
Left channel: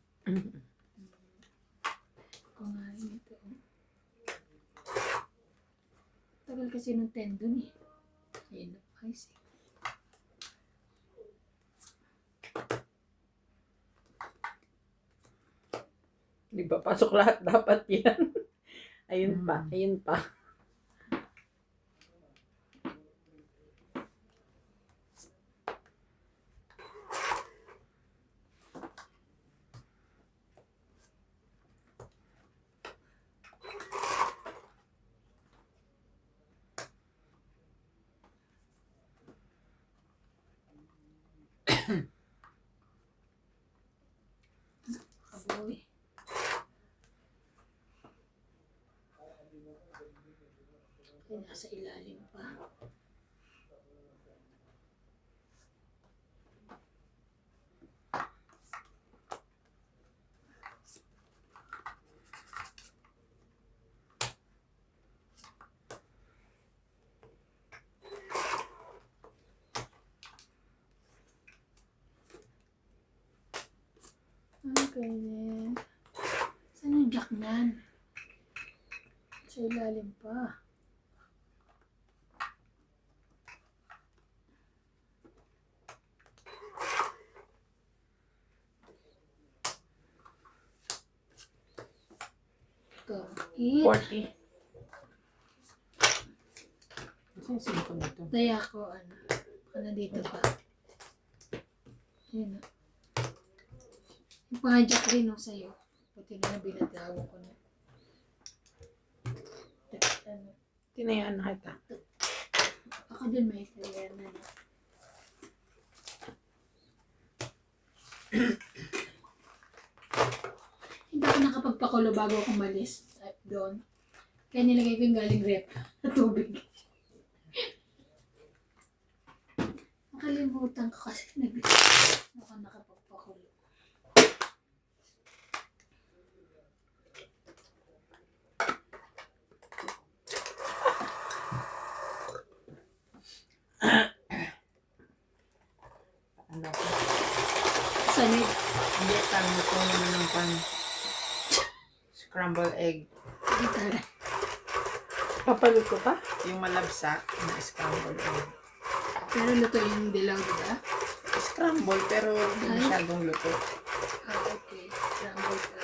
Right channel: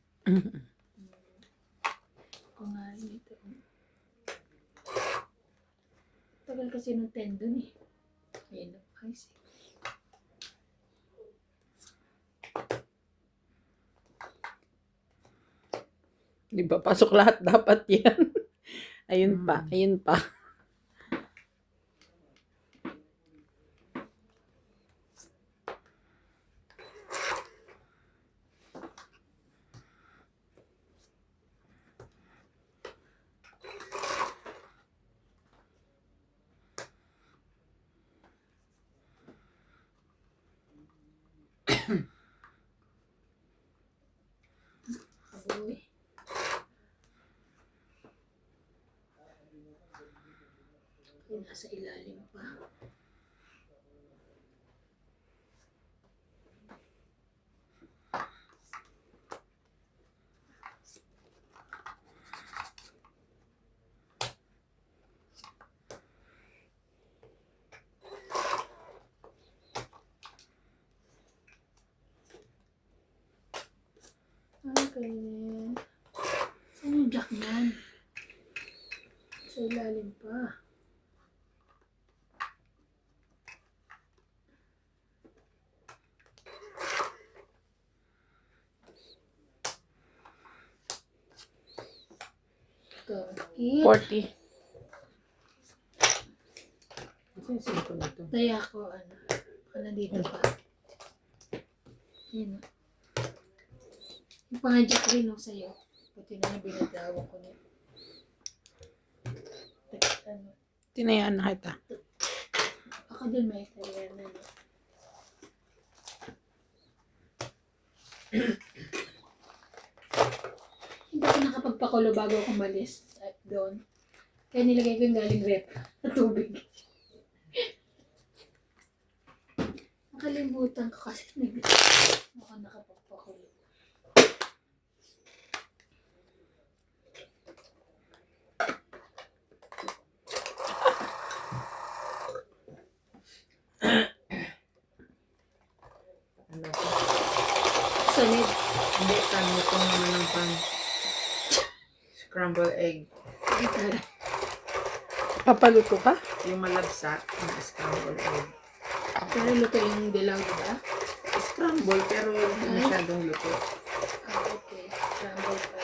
Kung nga rin ito. Tagal kasi ng tendon eh. Ayan na. Ay, sige. Di ba? Pasok lahat dapat yan. Ayun pa. Ayun pa. Kaboy. Ay, nasa ilalim pa. Okay. Saan yung jack niyan? Sa ilalim pa. Tongkit. 40. Kasi yung simple nito. Daya ko, ano. Baka nandito pa. Yun. Yung pangajak rin no, sa'yo. Buti na binatawa ko na. Ano. Tinayaan na kita. Ako din may career na. No? Hindi ako nakapagpakulo bago ako umalis doon. Kaya nilagay ko yung galing rep na tubig. Nakalimutan ko kasi ako nakapagpakulo. Ano ko? Sanid. Hindi, pan mo ko naman ng pan. Scramble egg. Gitara. Papaluto ka? Yung malabsa na scramble egg. Pero luto yung dilaw, diba? Scramble, pero hindi Ay. masyadong luto. Ah, okay. Scramble pa.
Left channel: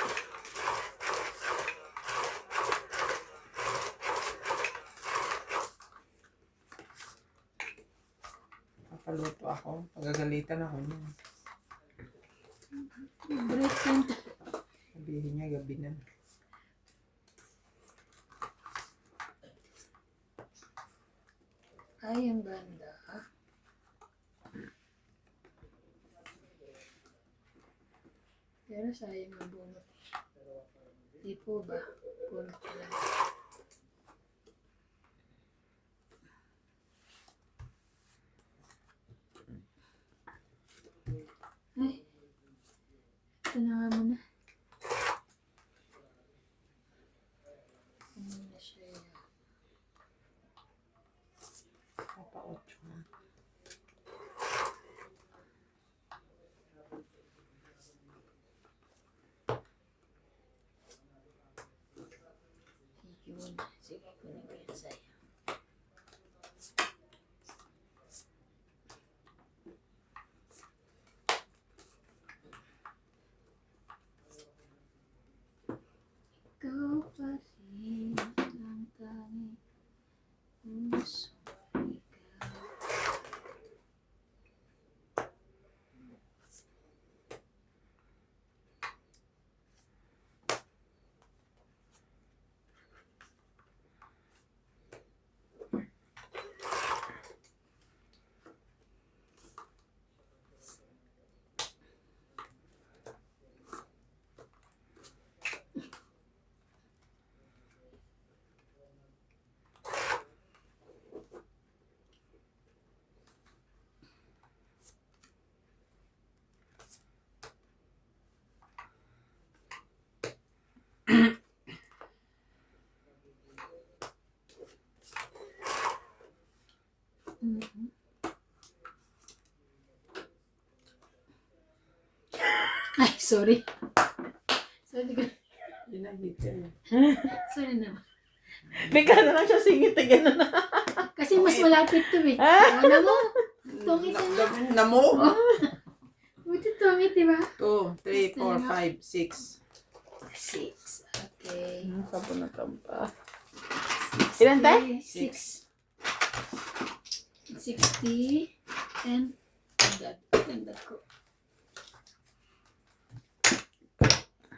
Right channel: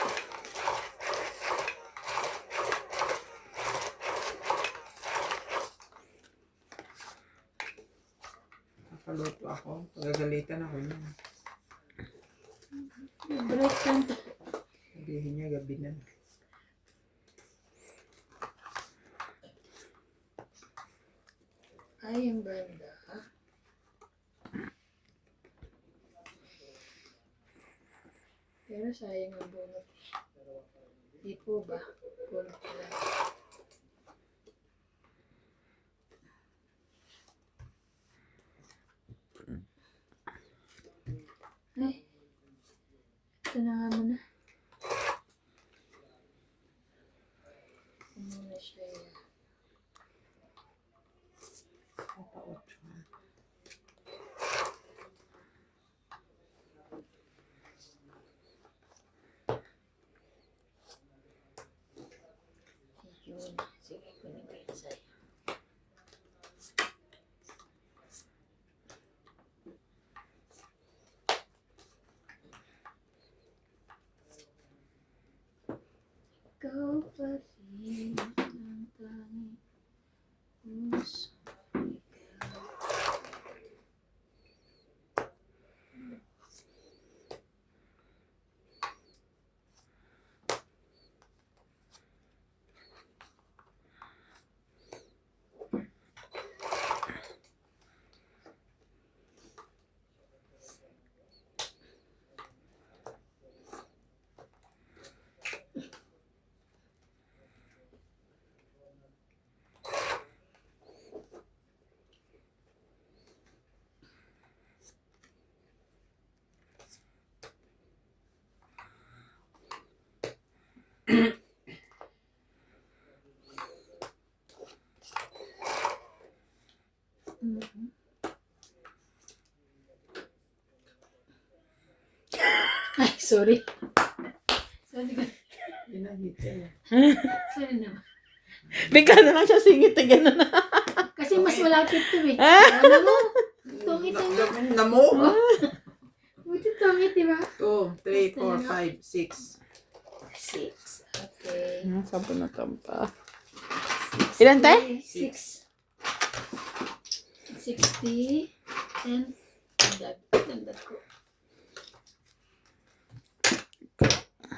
Papaluto ako. Pagagalitan ako niya. Break time. Sabihin niya, gabi na. Ay, ang ganda. Pero sayang ang bunot. Di po ba? Bunot ko lang. Ay. Ito na nga muna. Ito muna siya yan. Papa-8 na. Yun. ikaw pa rin ang tanging puso ikaw. Mhm. Ay, sorry. Sorry ka. Ginagita. Sorry naman. Bigla na lang siya singit eh, gano'n na. Kasi mas malapit to eh. Ano mo? Tungit na nga. Namo. Buti tungit, di ba? 2, 3, 4, 5, 6. 6. Okay. Sabon na tampa. Ilan tayo? 6. 60. And dagdag ko.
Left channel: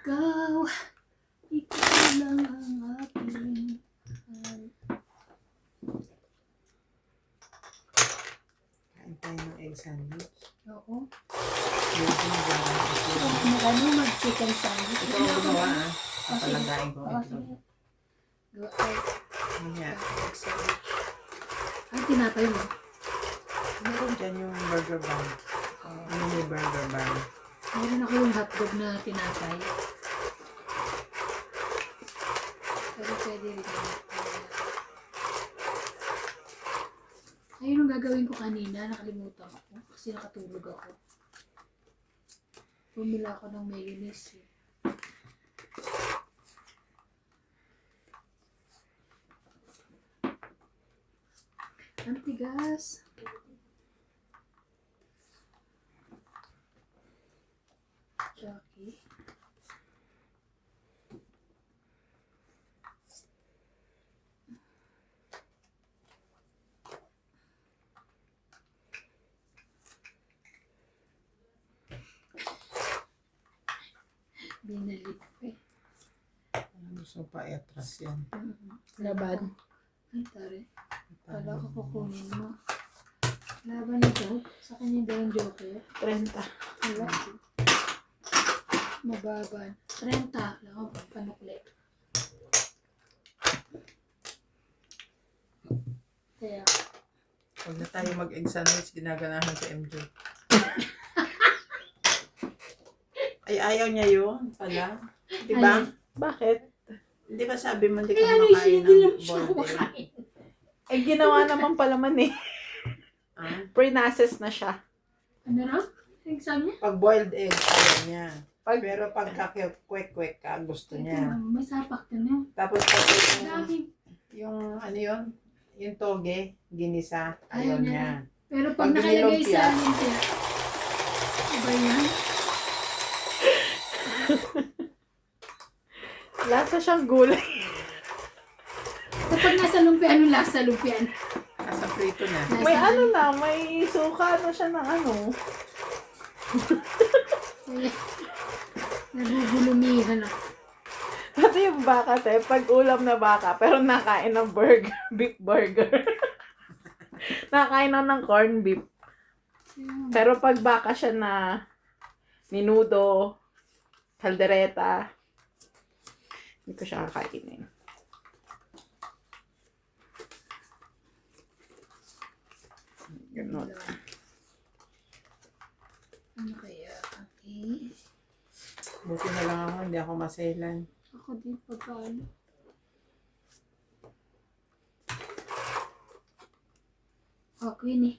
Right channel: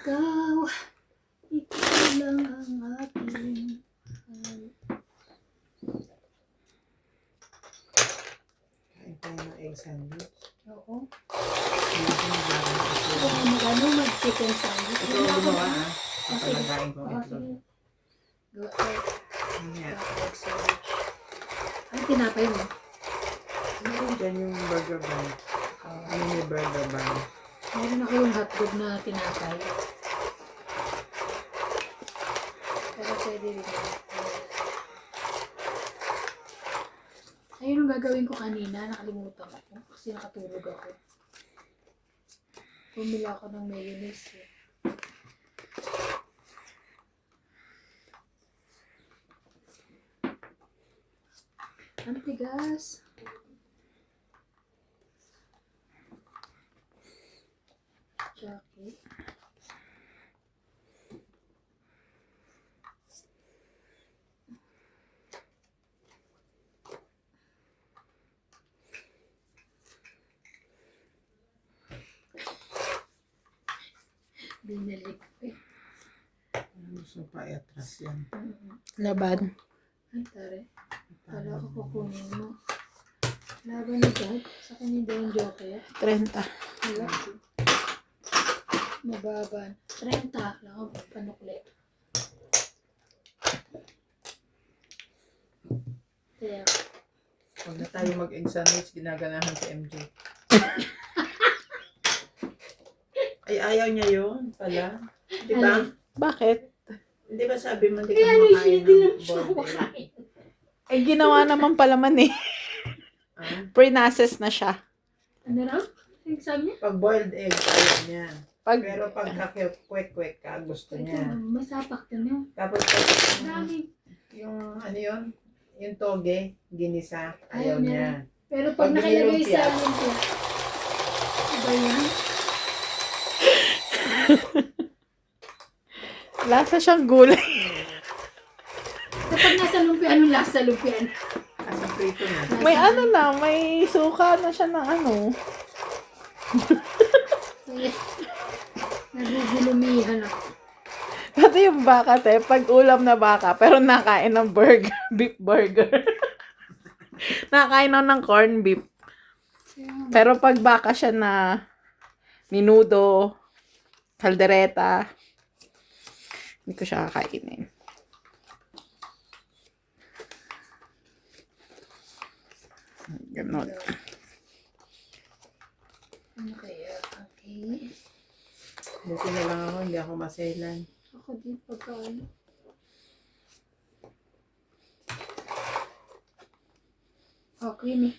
Ikaw lang ang aking Kain tayo ng egg sandwich. oo. Ito Mag-chicken sandwich. ang gumawa ah. Ito Okay. palang kain ko. Oo, Ito. sige. Gawa tayo. Mamaya. Egg sandwich. Ay, tinapay mo. Meron dyan yung burger bun. Mini burger bun. Meron ako yung hotdog na tinapay. Pero pwede rin. Ayun ang gagawin ko kanina. Nakalimutan ko. Kasi nakatulog ako. Bumili ako ng mayonnaise. Eh. Ang tigas. Jackie. Binalik ko eh. Gusto pa i-atras yan. Laban. Ay, tare. Kala ko kukunin mo. Laban na dyan. Sa kanya daw ang joker. 30. Wala. Mababan. 30. Lang ako panukli. Kaya, Pag na tayo mag-egg sandwich, ginaganahan si MJ. Ay, ayaw niya yun pala. Di ba? Ano? Bakit? Di ba sabi mo hindi ka kaya ano siya, makain hindi lang ng siya boiled egg? kumakain. Eh, ginawa naman pala man eh. Ah, Pre-nases na siya. Ano raw? Ang sabi niya? pag boiled egg, ayaw niya. Pag, Pero pag kwek-kwek ka, gusto niya. May sapak na niya. Tapos pag Dami. yung ano yun, yung toge, ginisa, Ayaw ayaw niya. niya. Pero pag Pag nakalagay nilumpia. sa lumpia. Iba yan? lasa siyang gulay. Kapag nasa lumpia, anong lasa lumpian? Nasa prito na. May ano na, may suka na siya na ano. Kaya, nagugulumihan ako. Pati yung baka, te, pag ulam na baka, pero nakain ng burger, beef burger. Nakain na ng corn beef. Pero pag baka siya na minudo, kaldereta, hindi ko siya kakainin. Ganon. Ano kaya? Okay. Buti na lang ako, hindi ako maselan. Ako din pagkaano. Okay ni.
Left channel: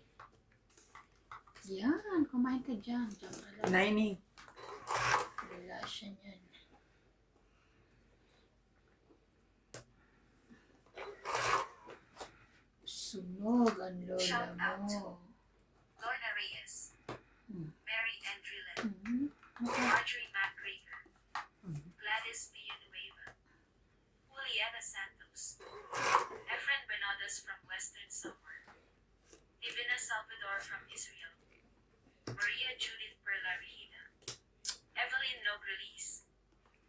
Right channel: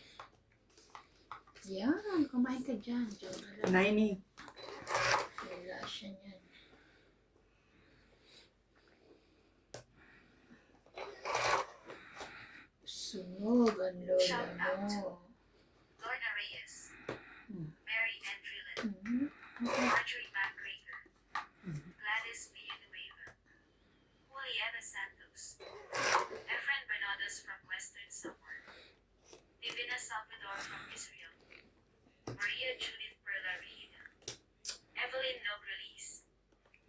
Yan, kumain ka dyan. Diyan ka lang. Naini. Wala siya niyan. Sunog ang lola mo. Lorna Reyes, Mary Andrillen, Mhm. Marjorie McGregor, Gladys Villanueva,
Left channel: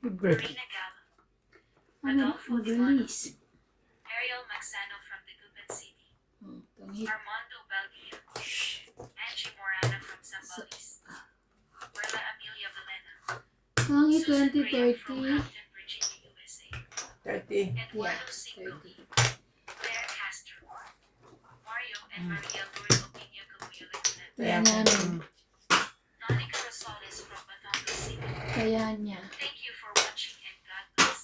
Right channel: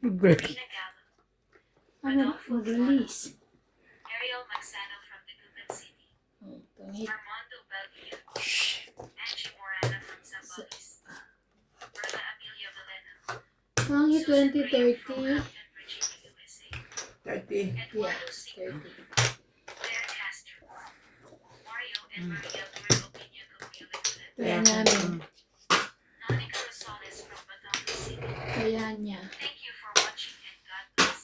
Girl. Rina Gal, Ano na, mag-release. Ariel Magsano from Dagupan City, Oh, tungit. Armando Belgia, Angie Morana from Zambales, Perla Amelia Valena, Tungit Susan Graham from 2030. Hampton, Virginia, USA, 30. Eduardo Yeah, Cinco, 30. Claire Castro, Mario and Maria Lourdes Opina Camuyo Legunet, Kaya namin. Nonica Rosales from Batangas City. Kaya niya. Thank you for watching and God bless.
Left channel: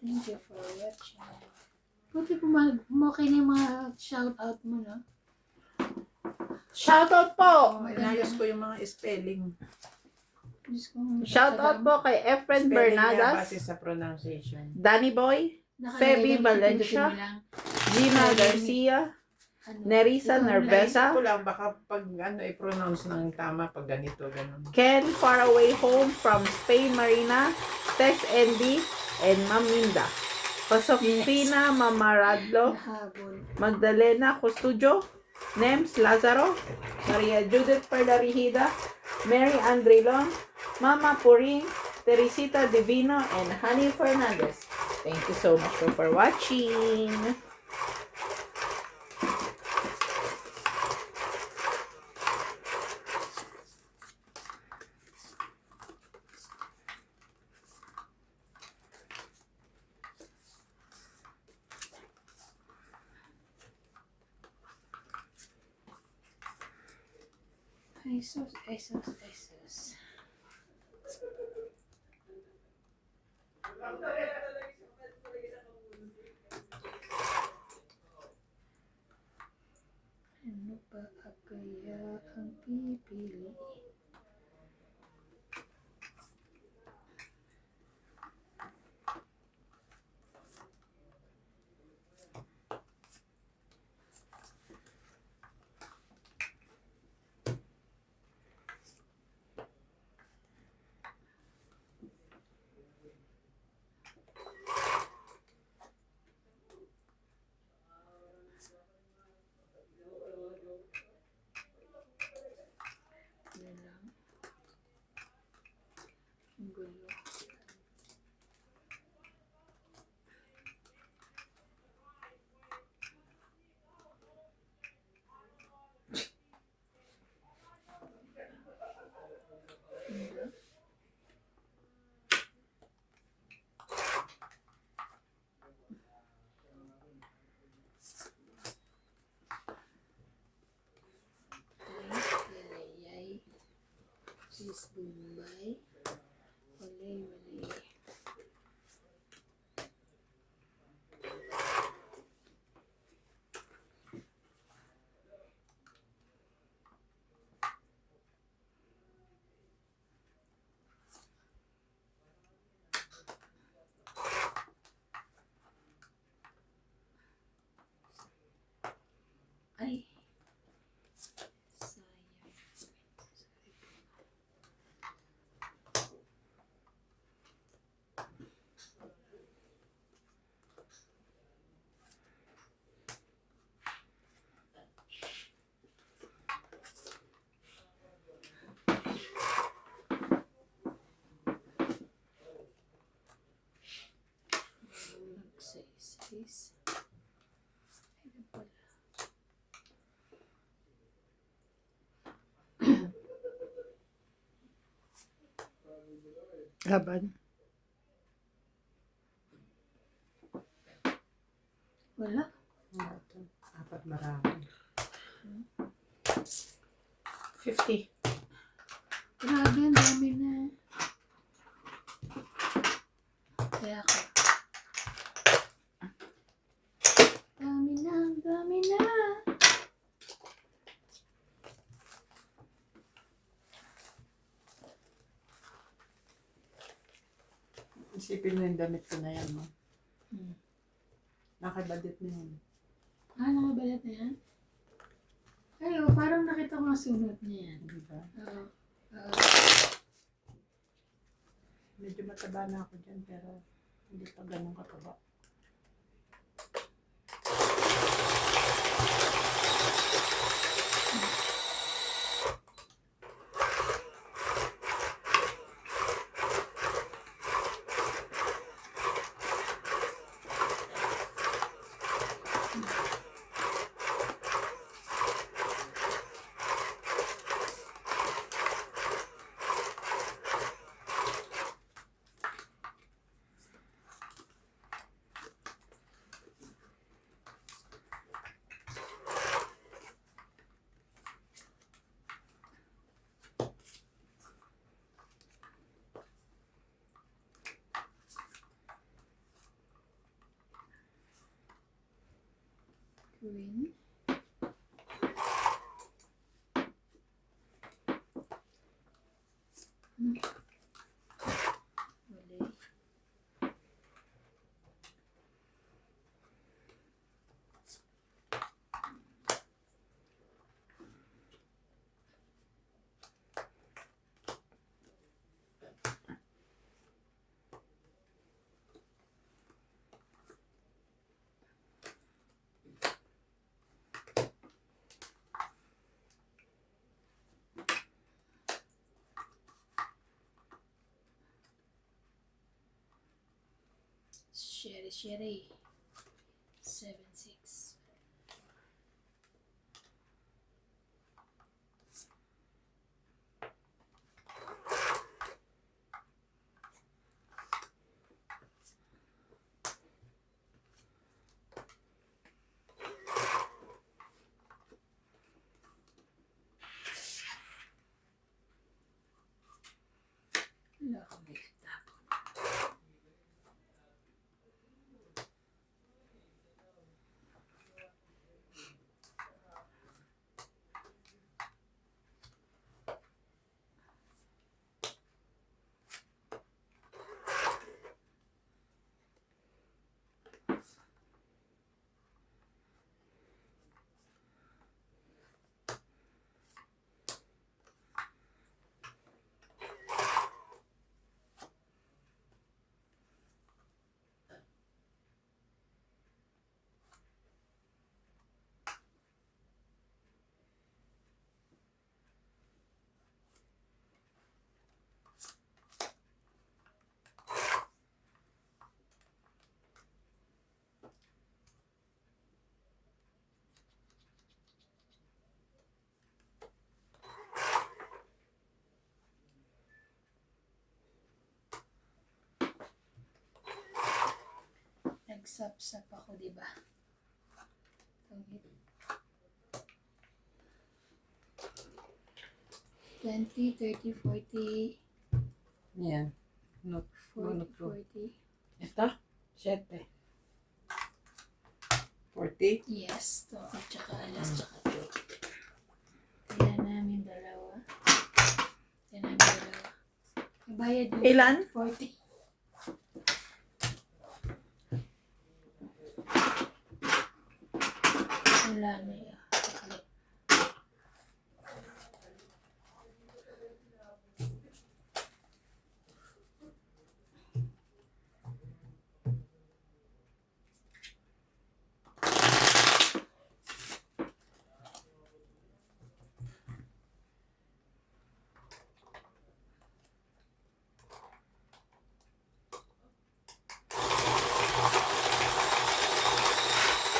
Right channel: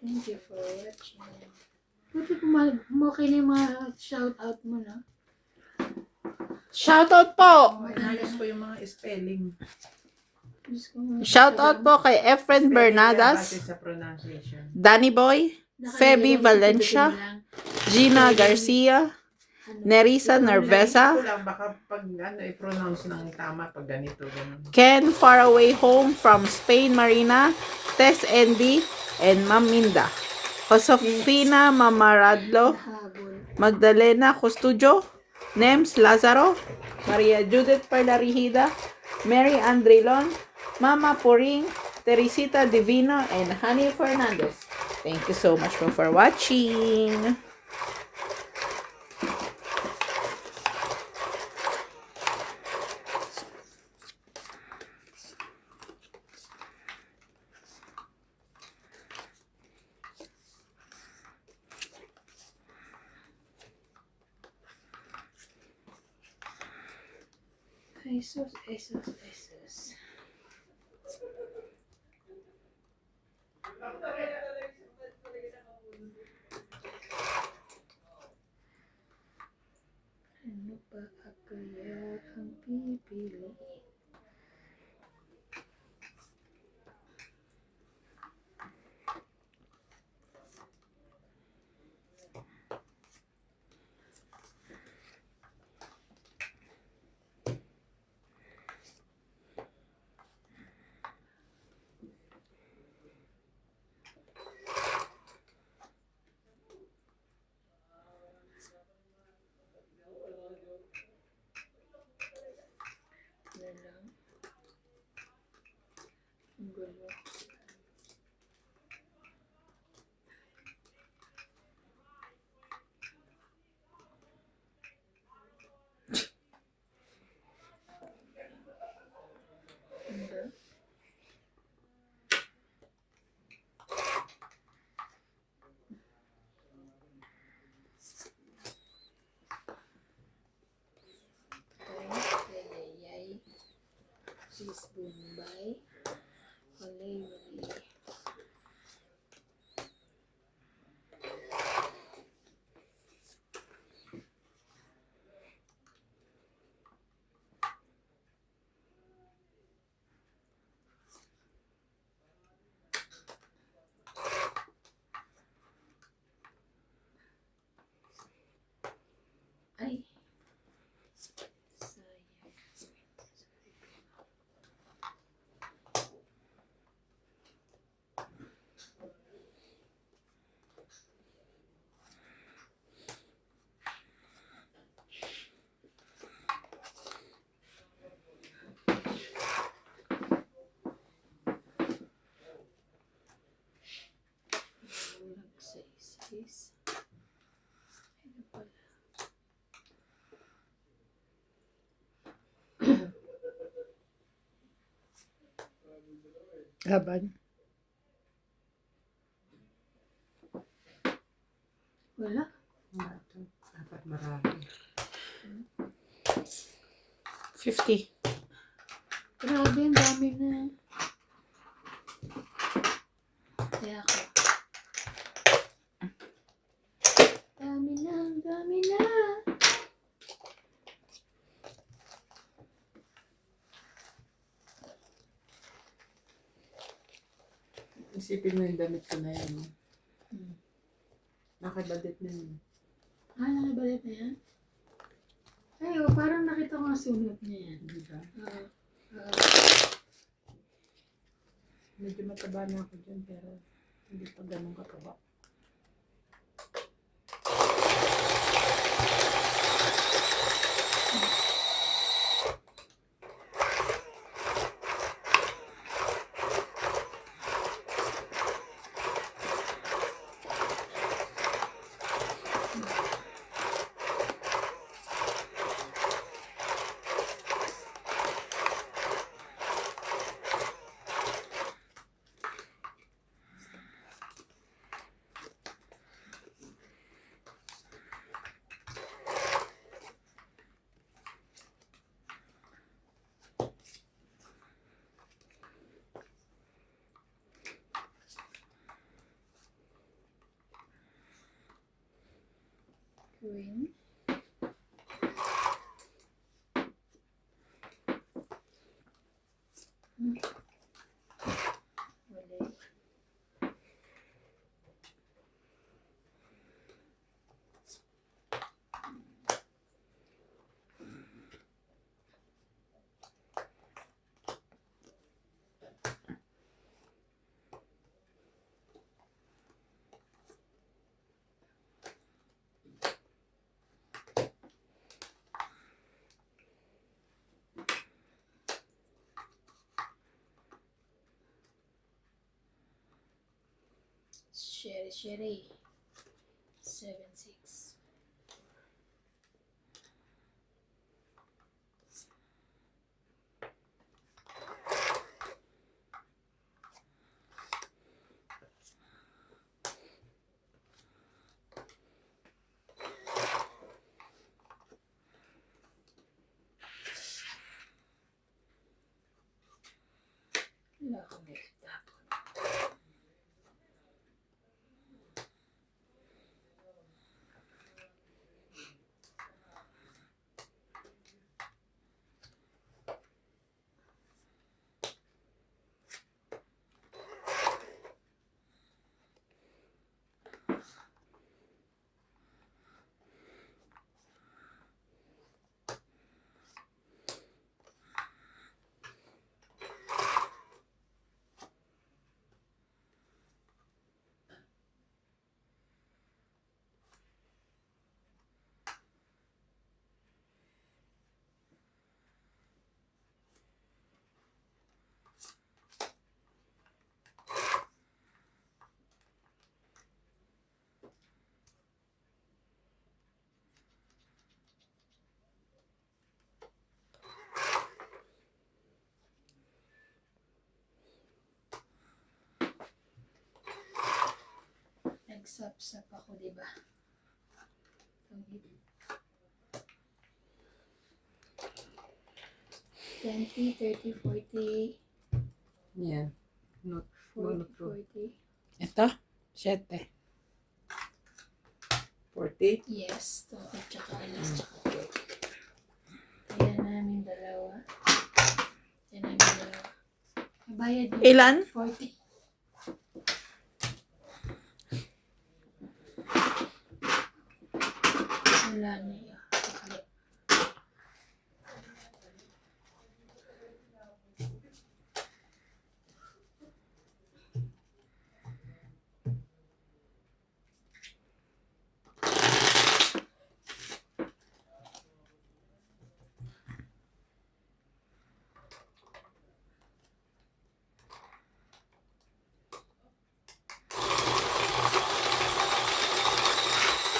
Thank you for watching. Pwede okay na yung mga shoutout mo, no? Shoutout po! Inayos ko yung mga spelling. Diyos ko, Shoutout po kay Efren Spelling Bernadas, base sa pronunciation. Danny Boy, nakalagay Feby doon, Valencia, pindutin mo lang. Gina Garcia, Ano, Nerissa ikaw na lang. Nervesa, Naisip ko lang, baka pag i-pronounce ng tama pag ganito, ganun. Ken Faraway Home from Spain Marina, Tess Andy, and Ma'am Minda. Josefina Mamaradlo, Nahabol. Magdalena Custudio, Nems Lazaro, Maria Judith Parlarihida, Mary Andrilon, Mama Puring, Teresita Divino, and Honey Fernandez. Thank you so much for watching. Jesus, Jesus, Jesus. Ano pa kaya ang pipili? Ano lang? Ang gulo. Ano? Yay. Cheese Bombay. Walay. Ay. Sayang. Nagsaysay's. Ano pala? Laban. Wala. Wala to. Dapat marami. 50. Grabe, ang dami na. Kaya ako. Dami na, dami na. Isipin mo yung damit ko na yan. No? Hmm. Nakabadit na yun. Nakabalit na yan? Ay, parang nakita ko ang sunod niya yan. Diba? Oo. Oo. Medyo mataba na ako dyan, pero hindi pa ganun kataba. Queen. Wala. Sherry. 7-6. Wala akong tapon. Nagsap-sap ako, diba? 20, 30, 40, Yan. Not 40, Monotone. 40. Ito, 7. 40. Yes, to at tsaka alas tsaka to. Kaya namin dalawa. Bayad yung Ilan? 40. Wala na yun. Pakali.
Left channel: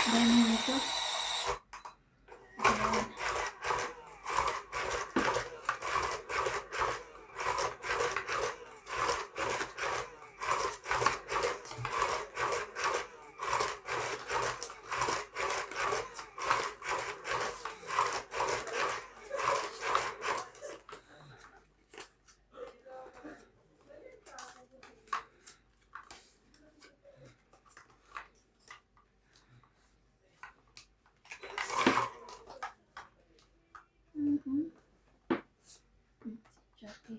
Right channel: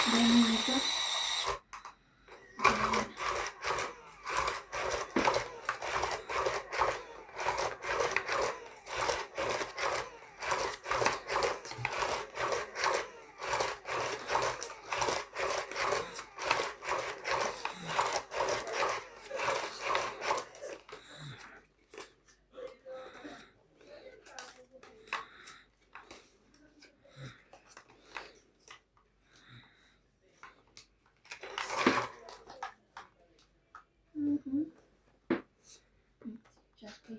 Dami na ito. Jackie.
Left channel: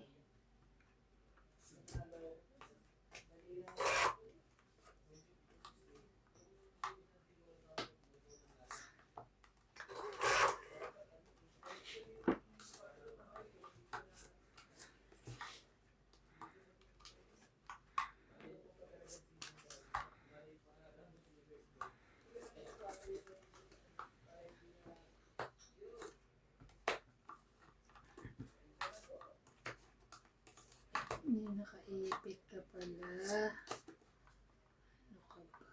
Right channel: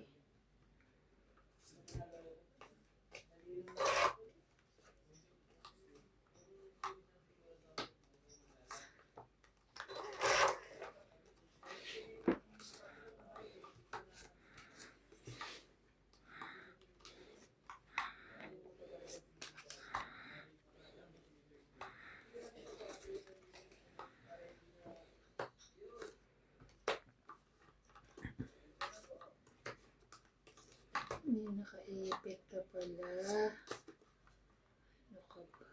Hindi nakaipit ka pala. Ano ka ba?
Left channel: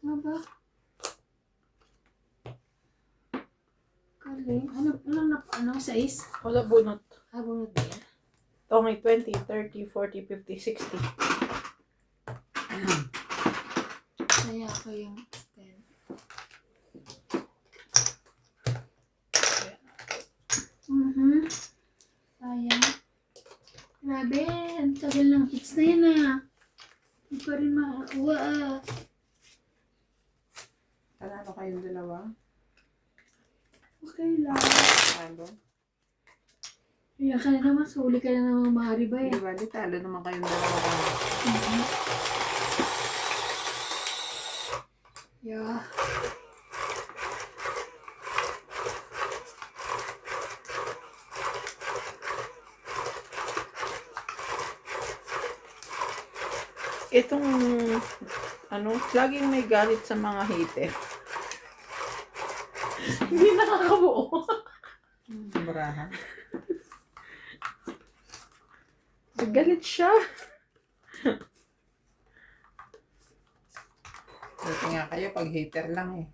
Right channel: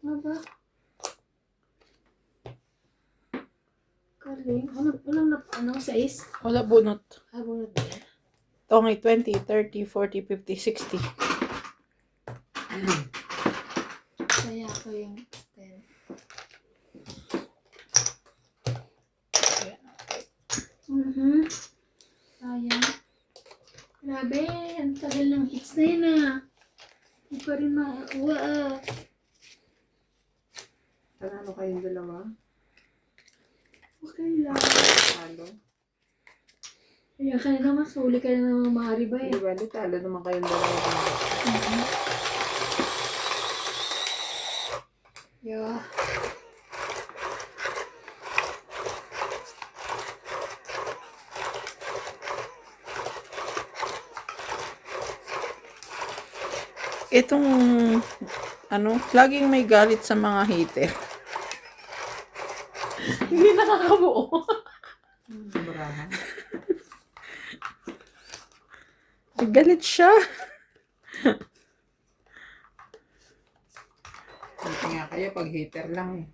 Ano ba? Galing. Anong size? Wala bunot. Bunot ba yan? Ito may 20, 30, 40, 50, 60. Kaya ako yung 10. tagal ng hits na yan ah. Hindi pa rin makakuha ah. Panalo kayong dalawa? Okay lang. Talo? Kaya ka na naman, suli ka na naman Mariba eh. Di ba? Di talo naman kayong dalawa. Yeah. Itong, laging may galit sa mga hater. Hindi nakakabuo. Sobrahan. Galit siya. Buti nga kayo pag hater lang eh.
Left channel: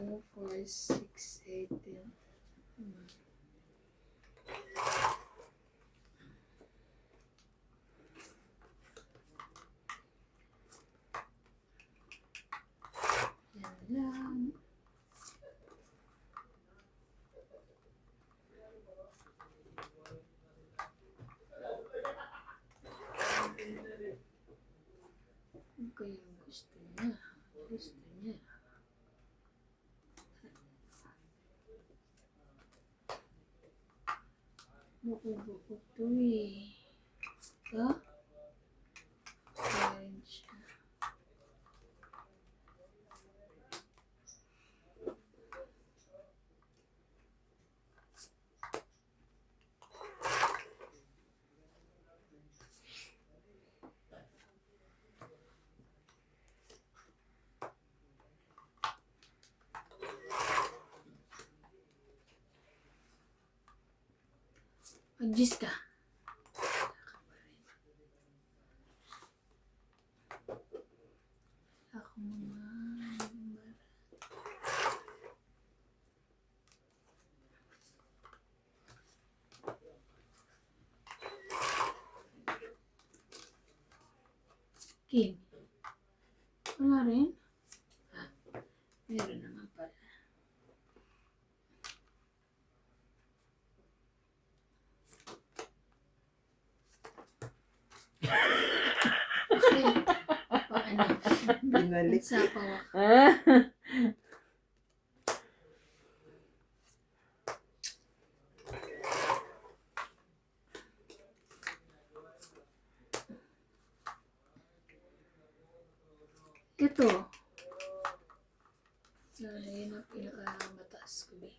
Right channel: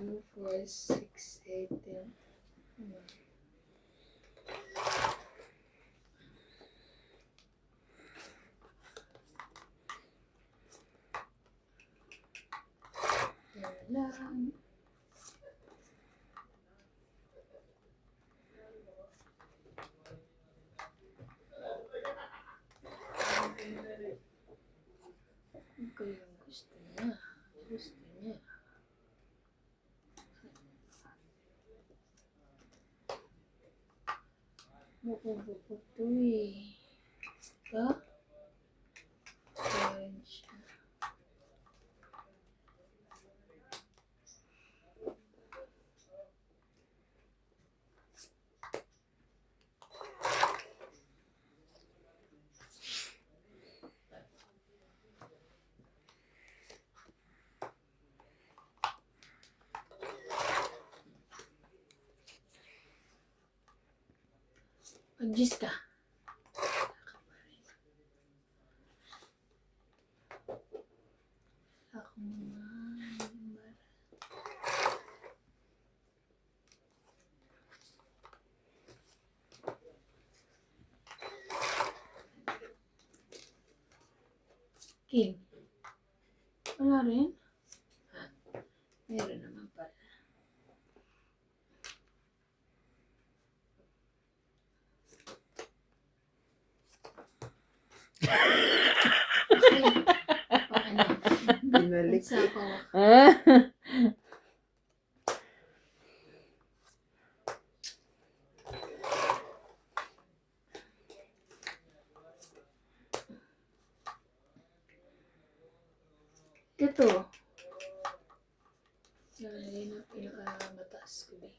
Ano, 4, 6, 8, 10. Yan lang. Ano kayang gusto niya? Gusto niya. Buko-buko to eh. Ito? Orange. Mag-gis ka. Ako mga number. Kim. Wala rin? Ha? Meron naman pala. Okay. Paano? Binalik. Nagsapaw ako. Ito. Yun ang pinakamataas ko eh.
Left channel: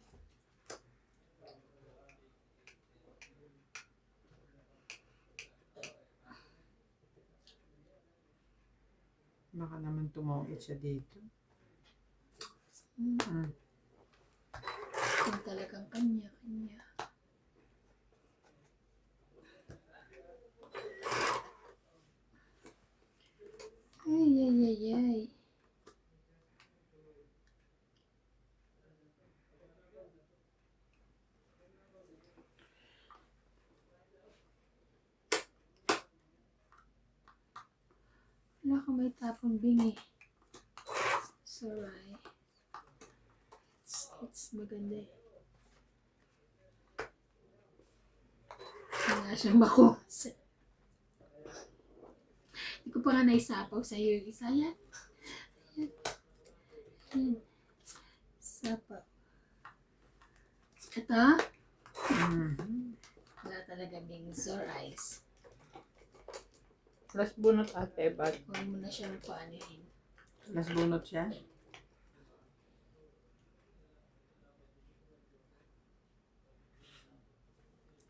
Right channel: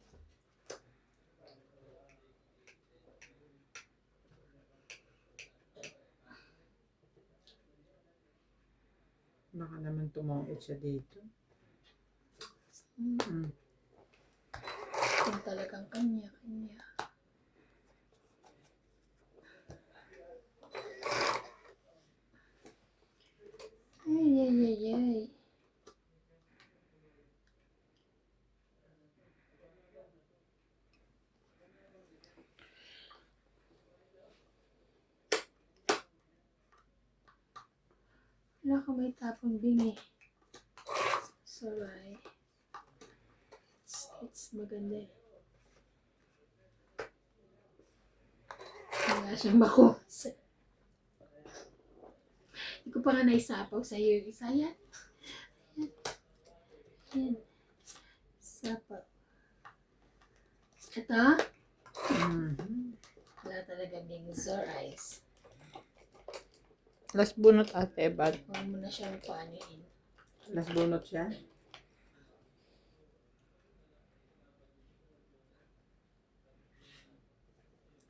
Baka naman tumawid siya dito. Kung talagang kanya-kanya. Ay, ay, ay, ay. Wala ka may tapon bingi. It's alright. It's maganda eh. Wala siyang bakos. Hindi ko pa nga naisapaw sa iyo. Isa yan. Yan. Yan. Sapaw. Ito. Wala talaga being sore eyes. Last bunot ate, bag. Huwag mo na siyang paanihin. Nasbunot siya.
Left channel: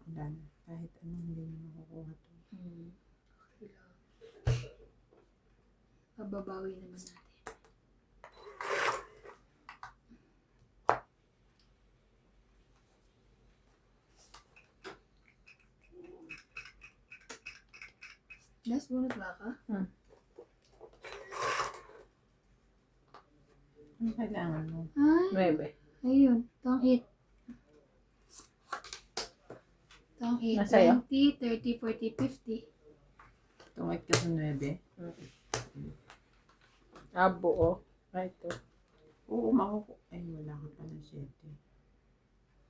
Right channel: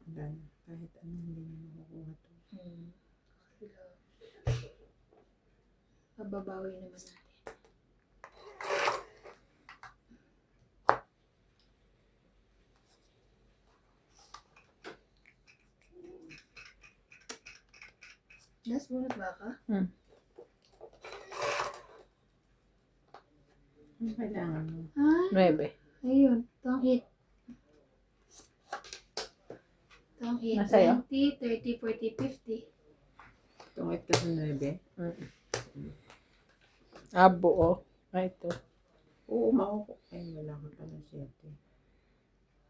Wala na. Kahit ano hindi na makukuha to. Okay lang. Pababawi naman natin. Last bunot ba ka? Ano kailangan mo? Ay, 9. ayun. Tong 8. Tong 8. Nasa'yo? 20, 30, 40, 50. Tungit ka sa 9. Buo. Ay, ito. Oo, makukuha. Ay, wala ka pa ng 7.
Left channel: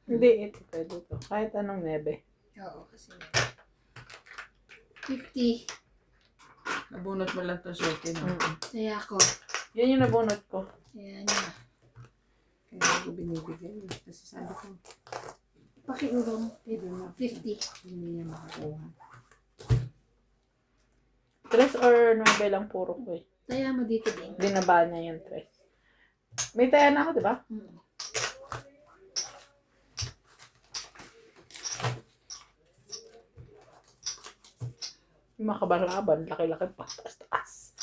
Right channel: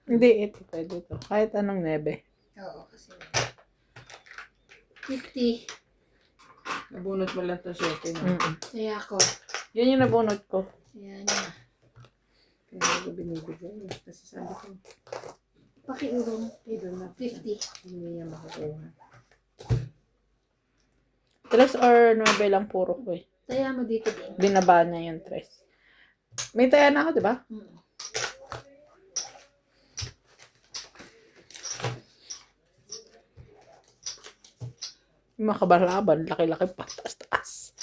Hindi, ito. Pwede ito. Kahit anong 9. Oo, kasi 50. Nabunot mo lang to 7 na. Saya ko. Yan yung nabunot ko. Ayan na. Kaya ko binibigay. Kasi sabi ko, Pakiurong. doon na 50. hindi niya makakuha. 3 or 9 lang puro ko eh. Saya mo dito din. Binaba niya yung 3. May taya na ako, di ba? Mm. Yung mga kabalaban, laki-laki pa, taas-taas.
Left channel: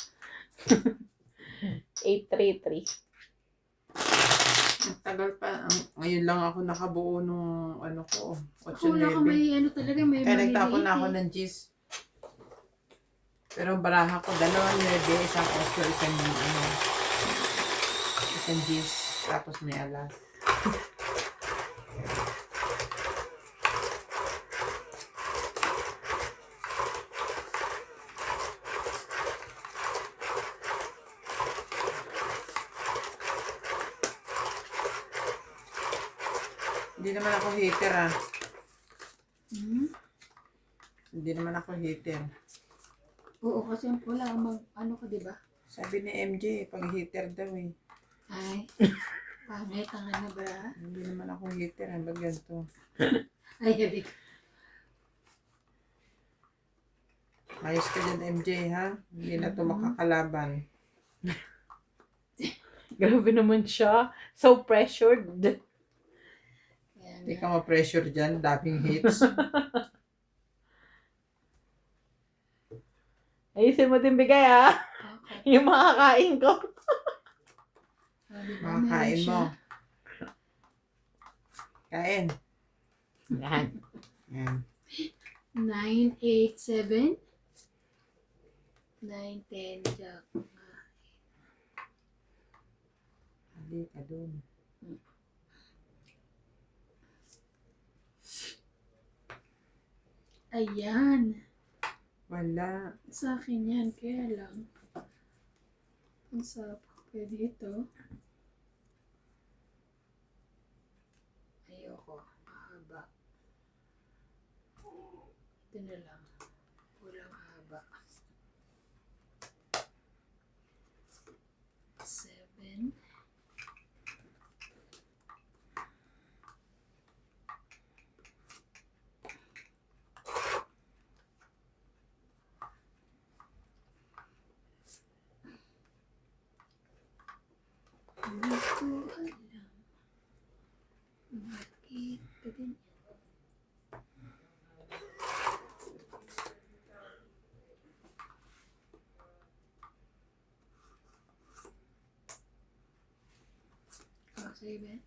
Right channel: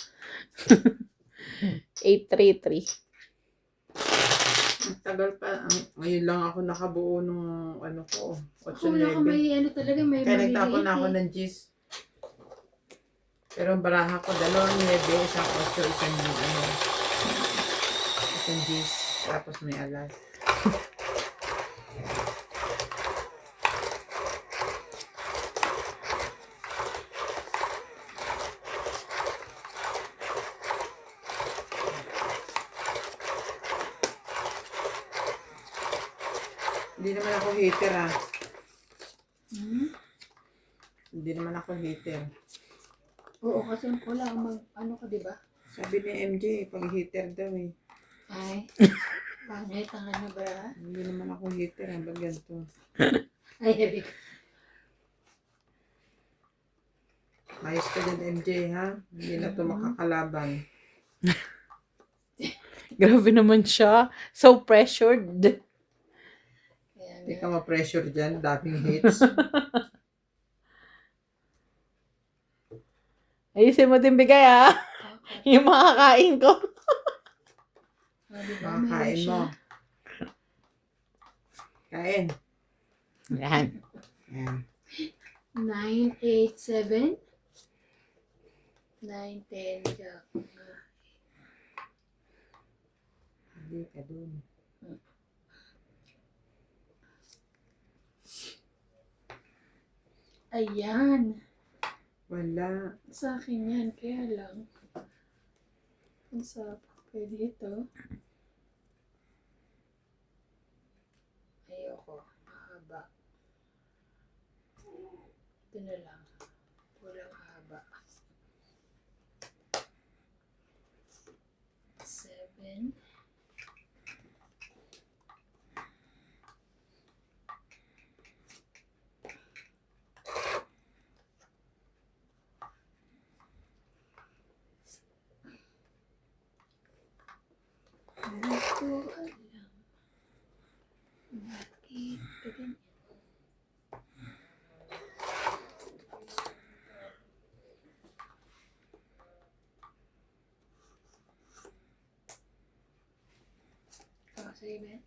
833. Ang tagal pa. Ngayon lang ako nakabuo nung ano ko. Ako wala ko 8-9. may ano talaga, may Kaya maliliit nagtapon na ako eh. ng G's. Pero ang baraha ko, 2 9, isang 8, isang G's. Tapos may alas. Hindi naman ako hater ah. Hmm? Hindi naman ako hater. Oo, kasi wala akong ano ka, di ba? Sabi ni MJ, pag hater daw eh. Ay, pangit ang ano ba? Hindi naman ako hater ah. Ba't ganito? Ay, habi ko. Ayos ka dyan MJ ha. Hindi na to makakalaban. Grabe naman siya. So pressured. Kaya Hindi nga. ka ma-pressure dyan. Daming hates. Ayusin mo din bigay ah. Okay. Yung makakain ko. Ah, di ba? Meron Makakain siya. mo. Kain. Yan. Yan. 9, 8, 7. 9, 10, jack. Hindi ka dun. Ayan. Wala. Sa akin yan, kaya lang. Kung sa pwede ito. Ayoko. Mahaba. Ito na lang. Walang haba. 7. Hindi ko alam. Bakit ganyan?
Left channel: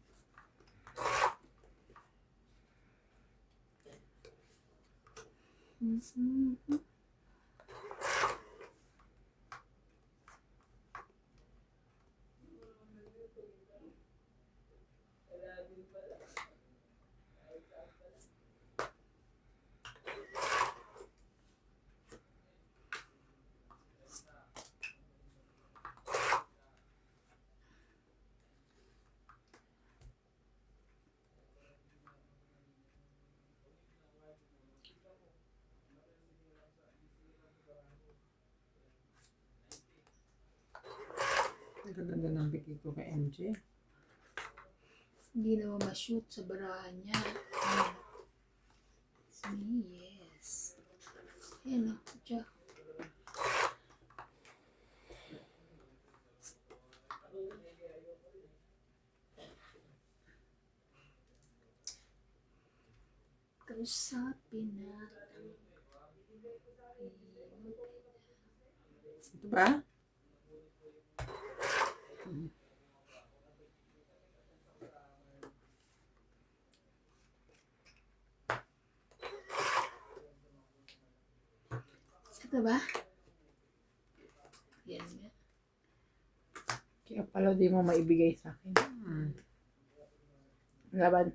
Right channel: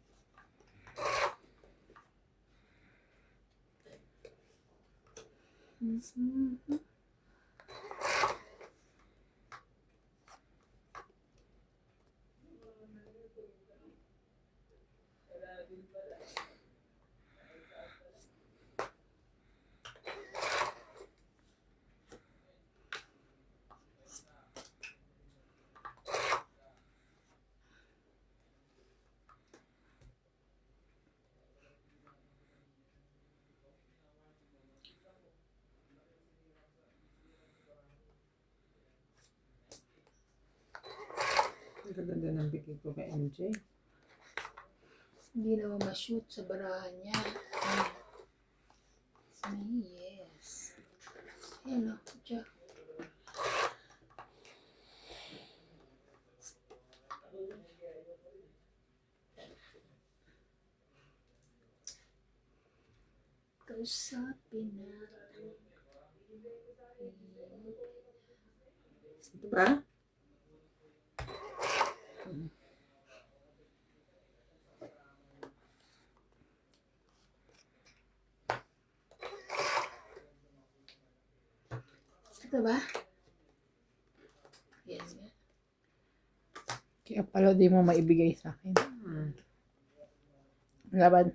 Oh, sige ba? Mm-hmm. Ang ganda ng bigay ko kay MJ. Hindi naman ma-shoot sa barahan niya. Yes. Ayan o. Diyan. Kausapin natin. Ito ba? Ito ba? Yan nga. Kaya pala di mo maibigay sa akin. Laban.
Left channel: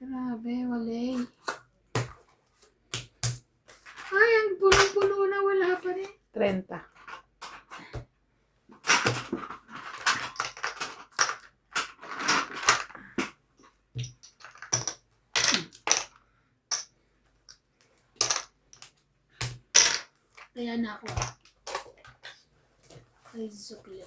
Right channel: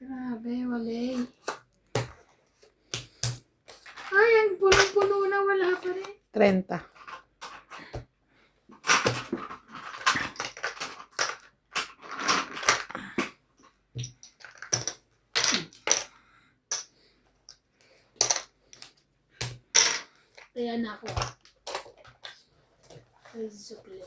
Grabe, wala. Ay, ang punong-puno na, wala pa rin. 30. Kaya na ako Ay, sukli.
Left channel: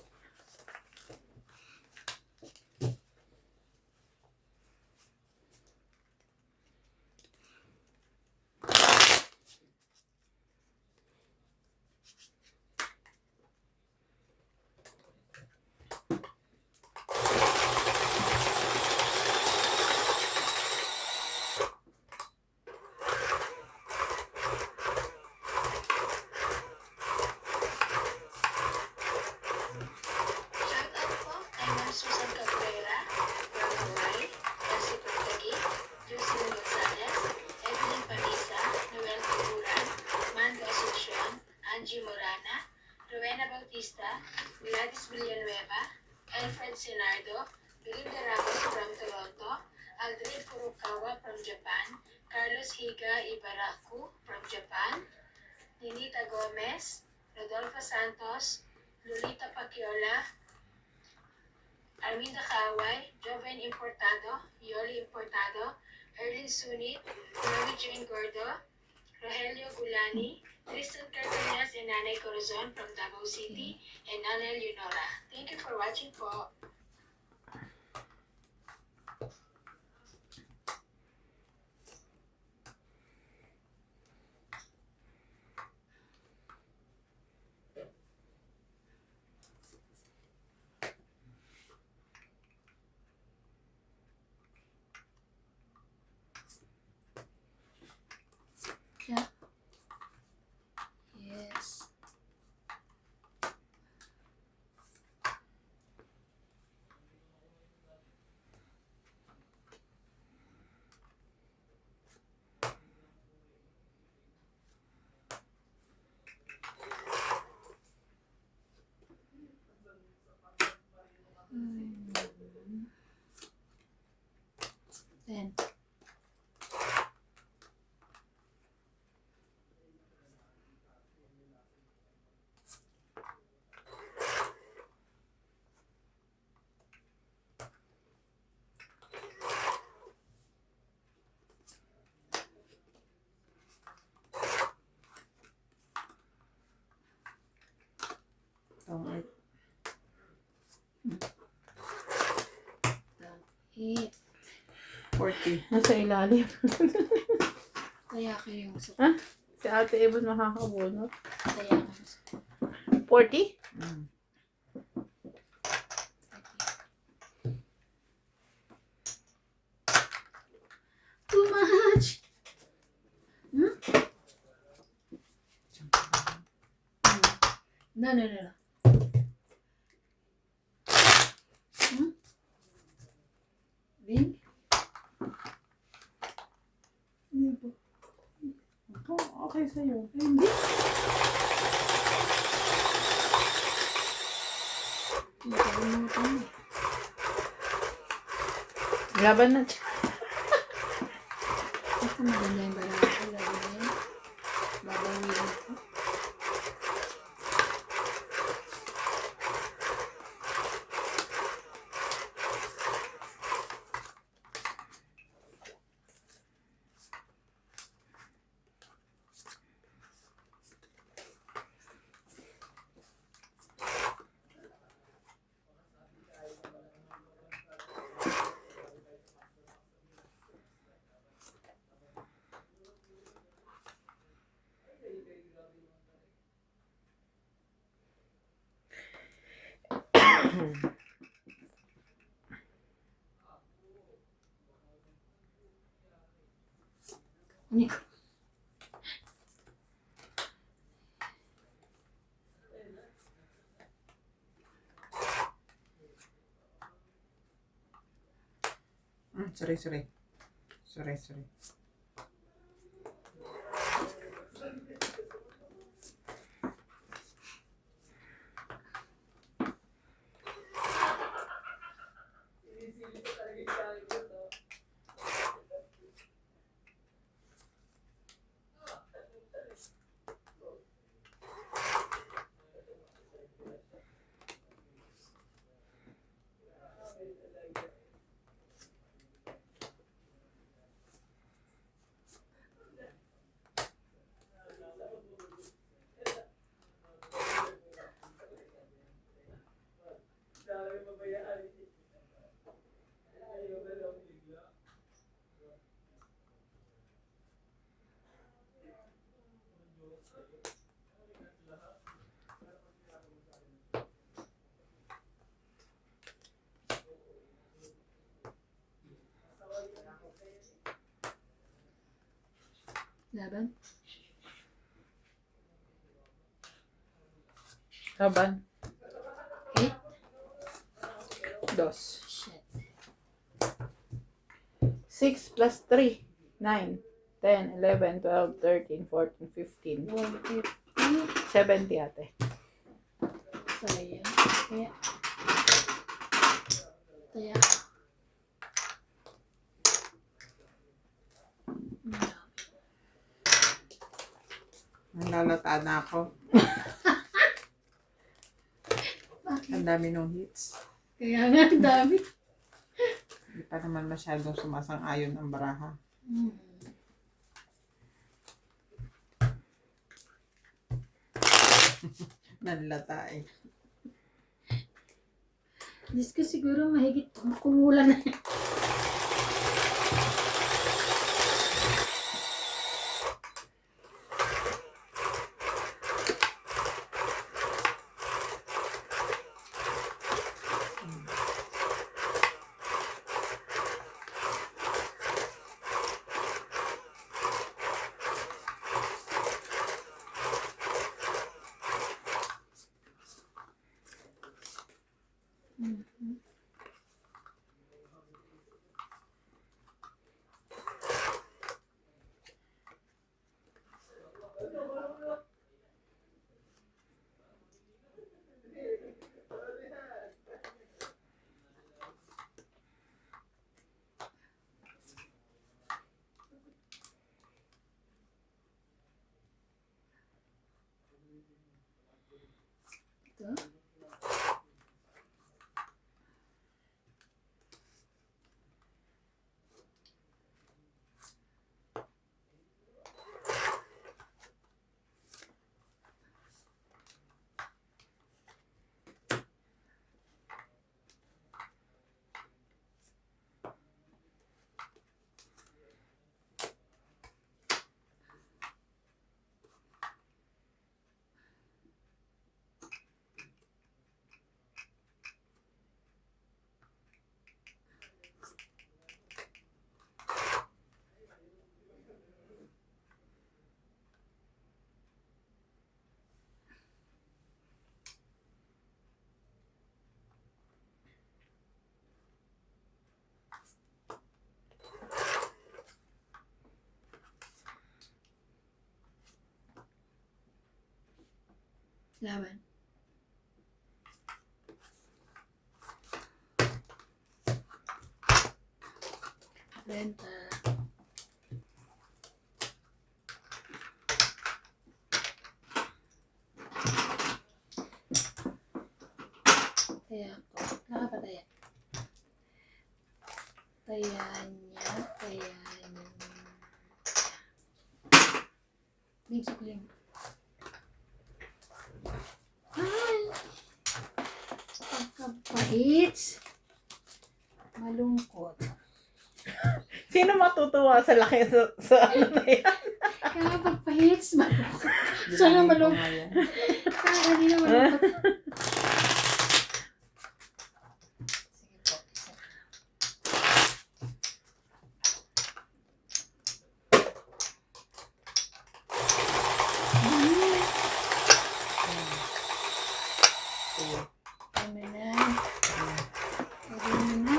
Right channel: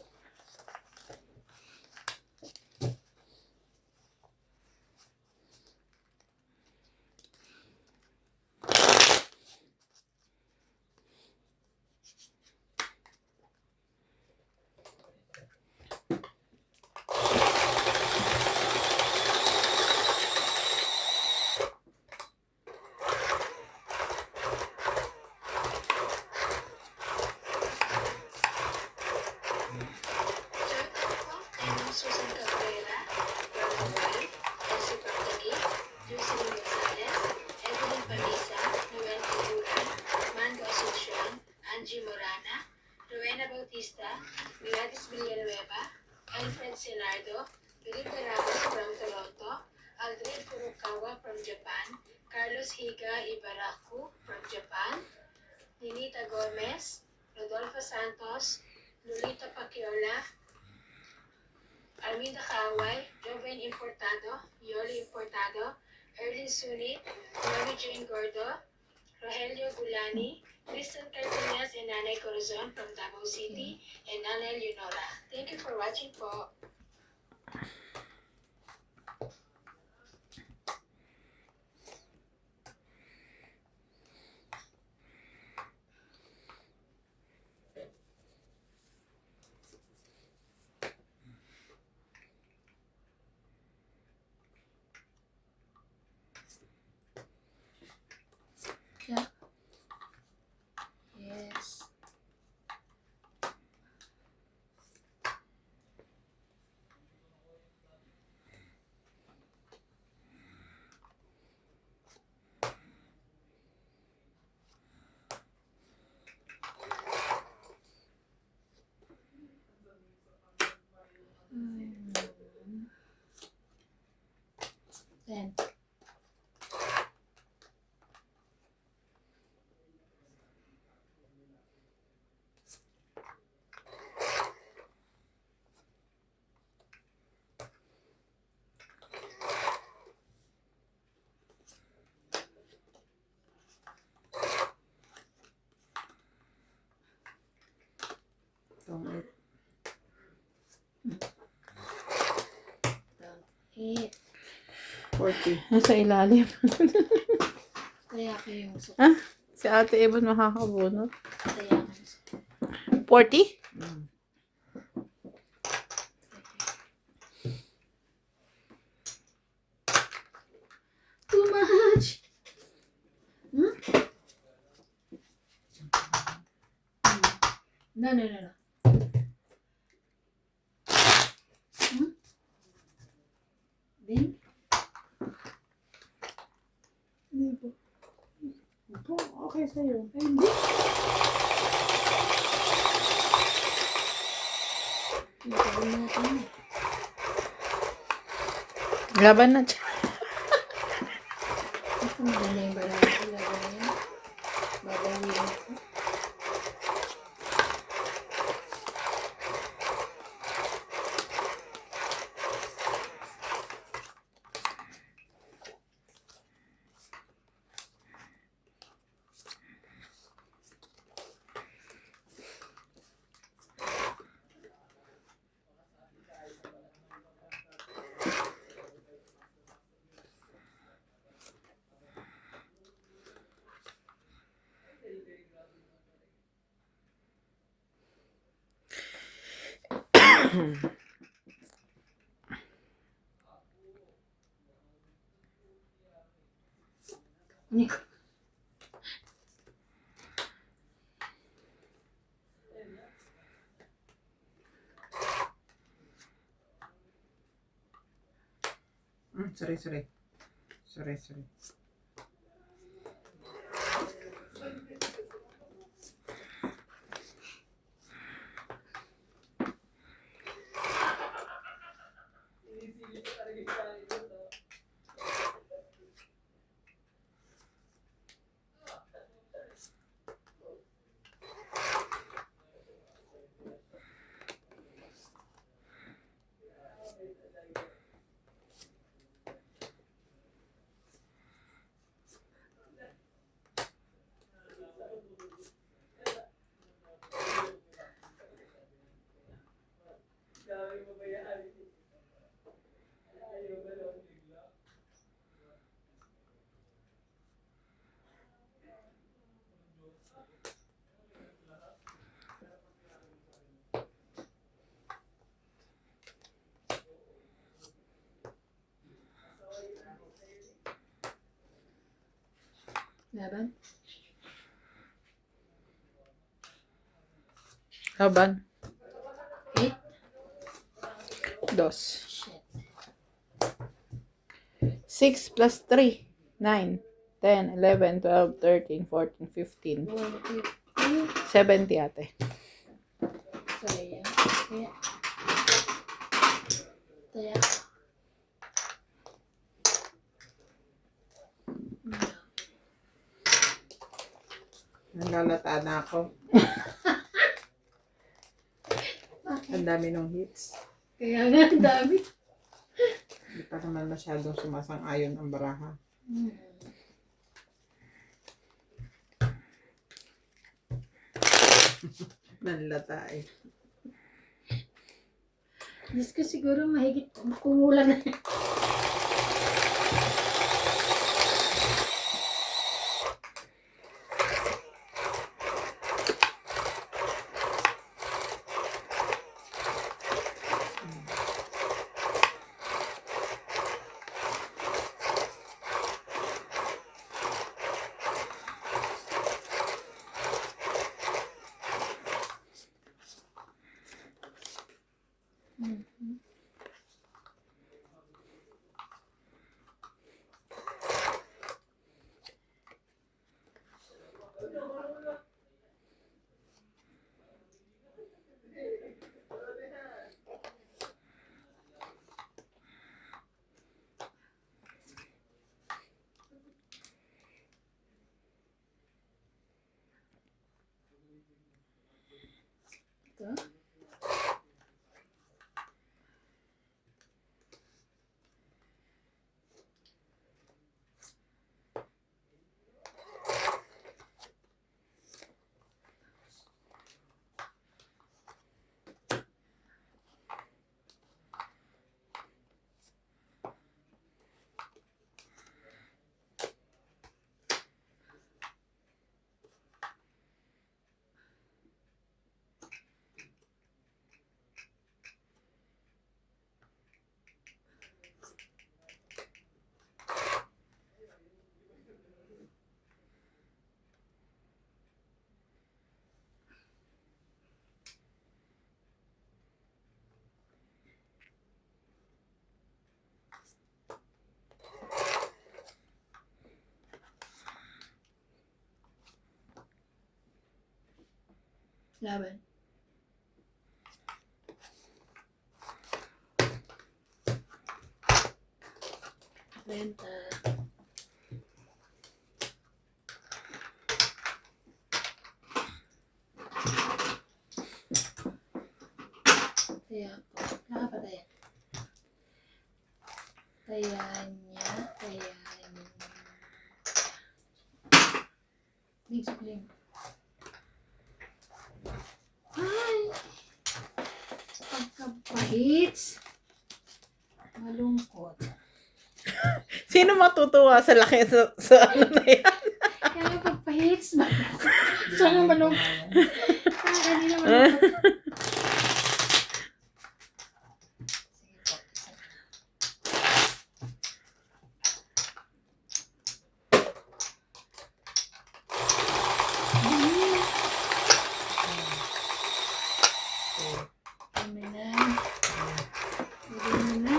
Shoutout po kay Ma'am Susan Cabrera, Rona White, Elsie Portagui, Jocelyn Gonzalez, Evelyn Panisa, Noel Figuran, Mando Asuncion, Angie Morana, Rowena Bautista, Gladys Villanueva, Alfred Sinardo, Belinda Ramos from Toronto, Aldred Furukawa from Japan, Carlos Higa Ibaraku from Japan, Ninita Gomez, Rodolfo Santos, Lolita Paciola, Arminda Kaaway, Joven Importado, Yoli Importado, Erlin Sunit, Mary Jane Gordo, Rogelio Gulani, Kristen Cardenas, and Nanay Corazon from Davao City, and Nanay Leonora. Thank you for watching po. Yeah. Yes. Then. Tong 8. 40. Nasa ilalim. Kaya ako yung sukli. Ah, si Ate Evan makakabunot. Kaya ako yung sukli. 40? Mm. Too much! Hmm? No. Hmm? Bing? Ano po? Ito, okay sa'yo. Ay, hindi. Nakalimutan eh. Laban na siya. Ako maganda yung barang ko. Lagay. Babawin ko. Nico. Sorry. Laban. Laban. 8. 2. Shit. 6 plus 3. 9. 10, 11, 12, 13, 14, 15. 150. 70 ate. Sayang. Kaya. Kaya. Nalalata na ako. Ang dami ng hits. Kaya nga, ang dami. Hindi pa naman masyadong sumasang-ayon ang baraha. Hmm. Nanlata eh. Diyos ko siguro mahigit kumulan na. Ito. Laban. Renta. Kaya po. Nakapataya. Taya niya. Taya niya. Big suklim. Ay! Pagkapahits. Malungkot. Sino matutuwa sa laki sa ano na yan? Kaya pagpahits, malungkot. Sana malungkot. Hindi na malungkot. Sige po. Kami na. Pwede mo na.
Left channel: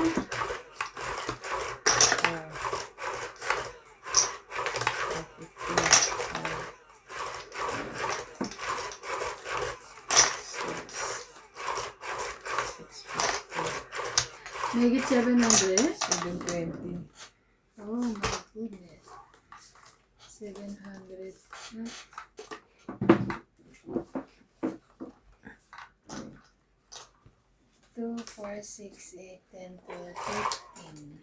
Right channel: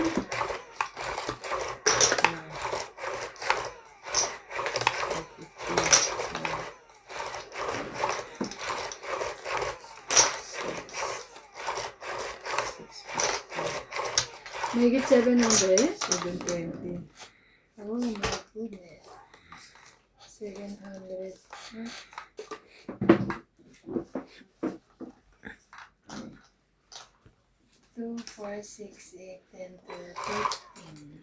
Make it 700. 720. Oh my goodness. 700. Two, 4, 6, 8, 10, 12, 13.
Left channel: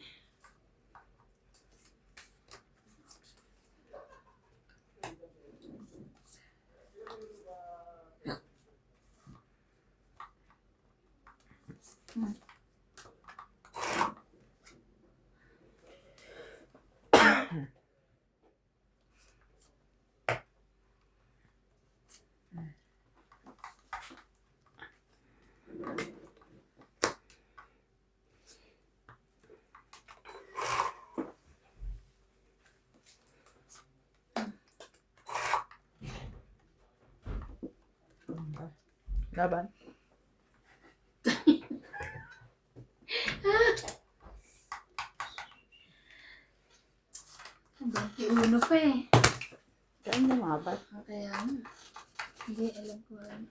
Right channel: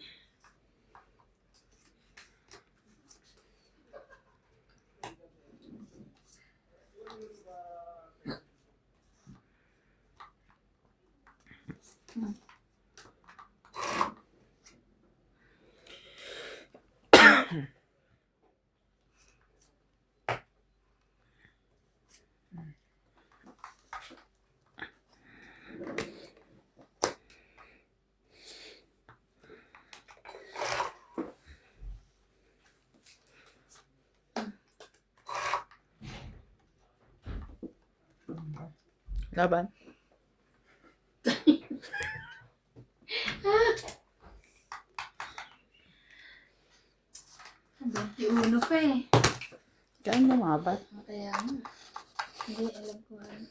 Laban. Uno pa eh. Saan lumaban? Kaya nga. Hindi alam ko ano.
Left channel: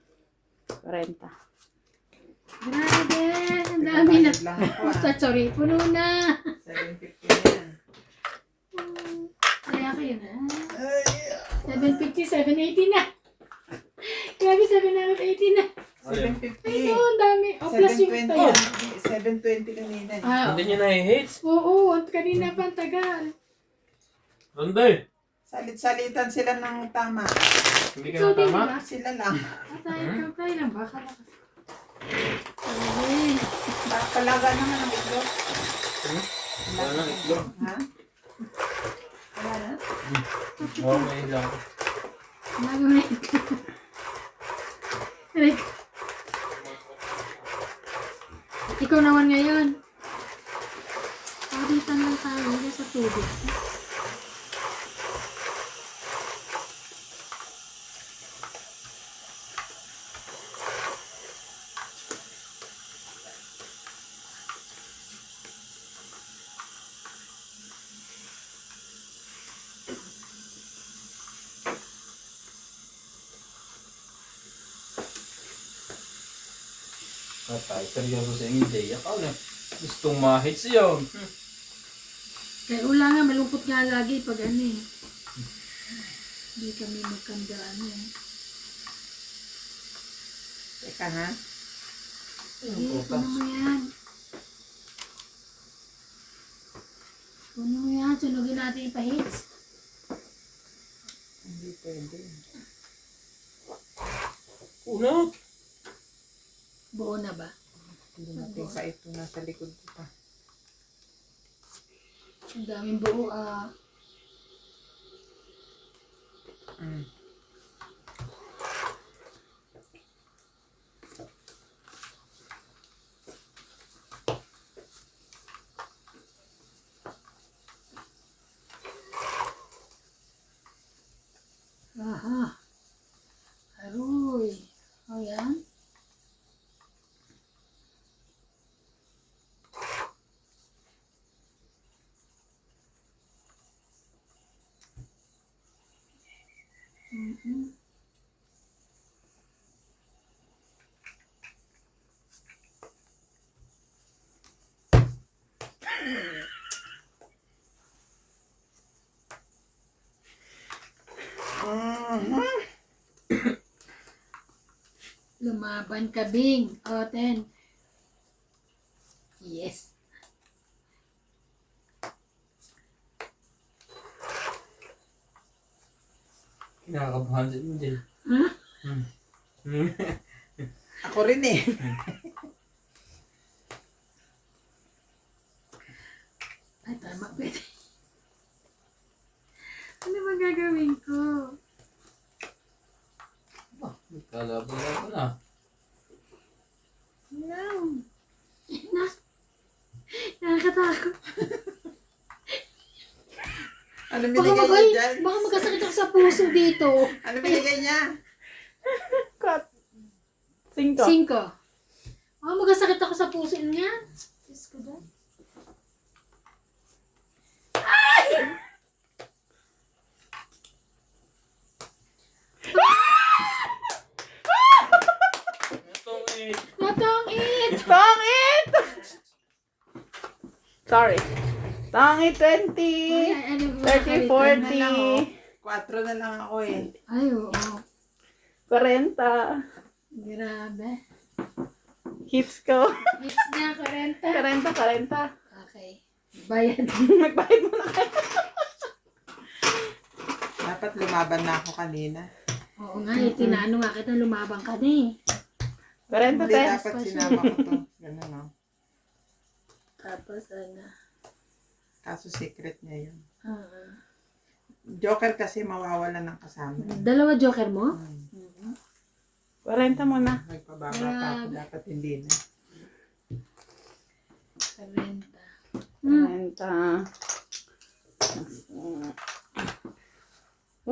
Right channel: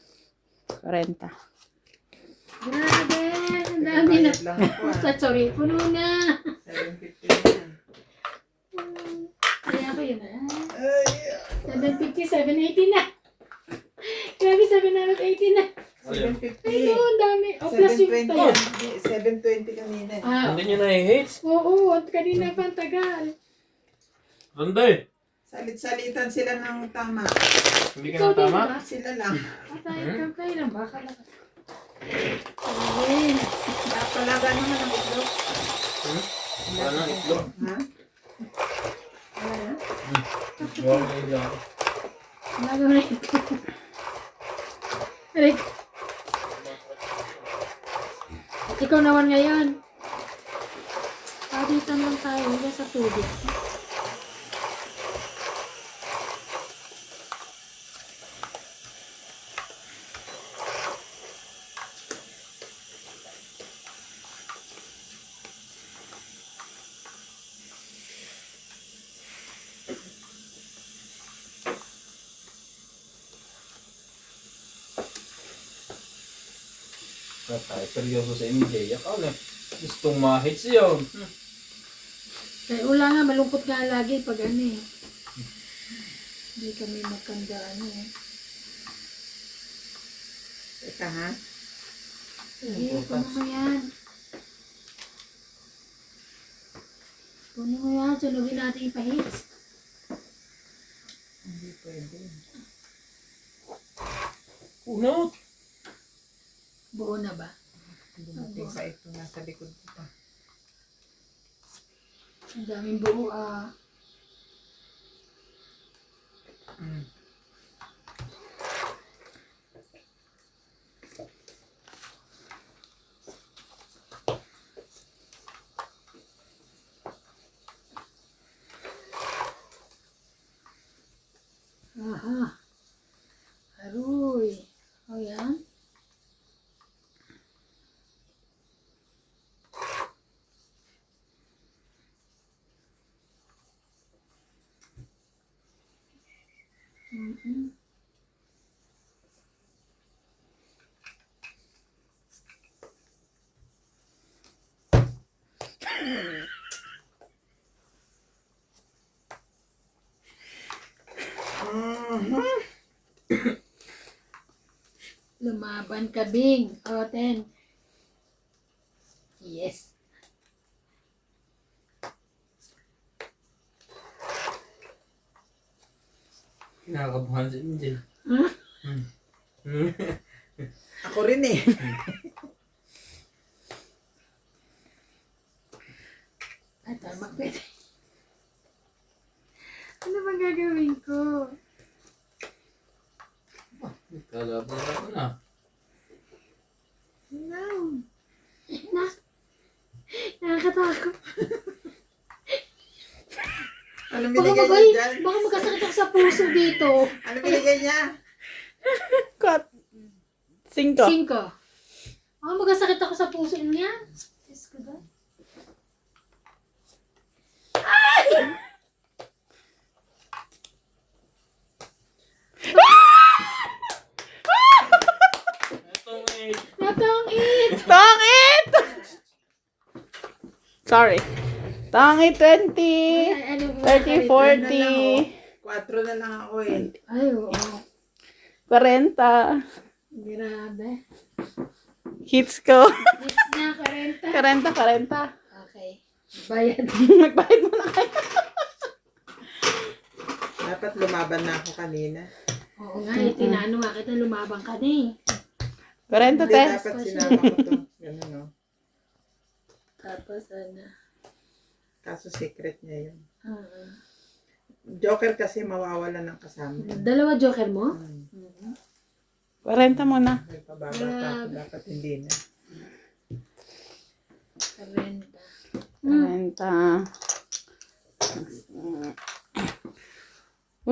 40. Grabe! Ang dami na. Bayad lang ako, ah. Sorry, puno na. 750 na yan. Kaya kayo na. 750, 780 na. Grabe, 780 na. 750. Ay, no, ang dami. O, plus yung 720 tayo. yan. 720 kanina. Ah, Hindi nyo na-hits? oo, at kanina pa ang tagal. Ganda eh. Salit-salitan sila ng tama. Hindi ka Ikaw na din, tama? diba? Sila lang. At tayo lang ba? Ay, Kalaga naman ang itlog. Ano, itlog? Ha? Ano? Wala na ilang. nagawa na ito. Aray ko. Ikaw naman ngayon. Paditan lang tayo hindi sa tubig. Patay, seryoso sa inyo, Jay. Ako na. Gustong ma-hits yun. Kaya ula nga, malungkot nga lagi pag ano eh. Hindi kami magkanda ano eh. Teka ha? Sige, kunin mo yan. Kunin mo yan, sunugin natin yung pahits. Hindi pwede. Unot. Buo na ba? Dumating pa ito. Nasa likod ko pa. Ang daming buo ah. Mm. Aha. Aroy. O yan. Mhm. Lumaban ka, Bing. O, 10. Yes. Kinakabahan si Jay. Huh? Ako rin eh. Ay, tama. Pwede. Ano ba gagawin ko? Kalaban ako na. No. Na. Nakakatakot. Ano Baka, binigay magay, niya dyan? baka magkasakit ako sa puso dito. Ano binigay niya? Cut. 5. 5. Baka magkasakit ako sa puso niya. Diyos ko ba? Ito eh. Natangit! Tangit! Sorry. Tangit 20. Ay, ano ba? 30, 40. 4 na lang ako eh. Ay, oo. 40. Grabe. Hits ko. Hits niya, 40. 40. Okay. Bayad. Nagbayad mo na kayo. Dapat lumaban na ako kanina. Oo nga, tinano nga kita, lumabang ka na eh. 40 Hindi te. dapat sinama ko to. Ganun no. Tapos ano. Kaso secret niya yun. ah, Joker kasi mawawala ng kasama. Dalawa joker mo? Hmm. 40 muna. Nagpababa ka ako. Dapat hindi na. 40. 40.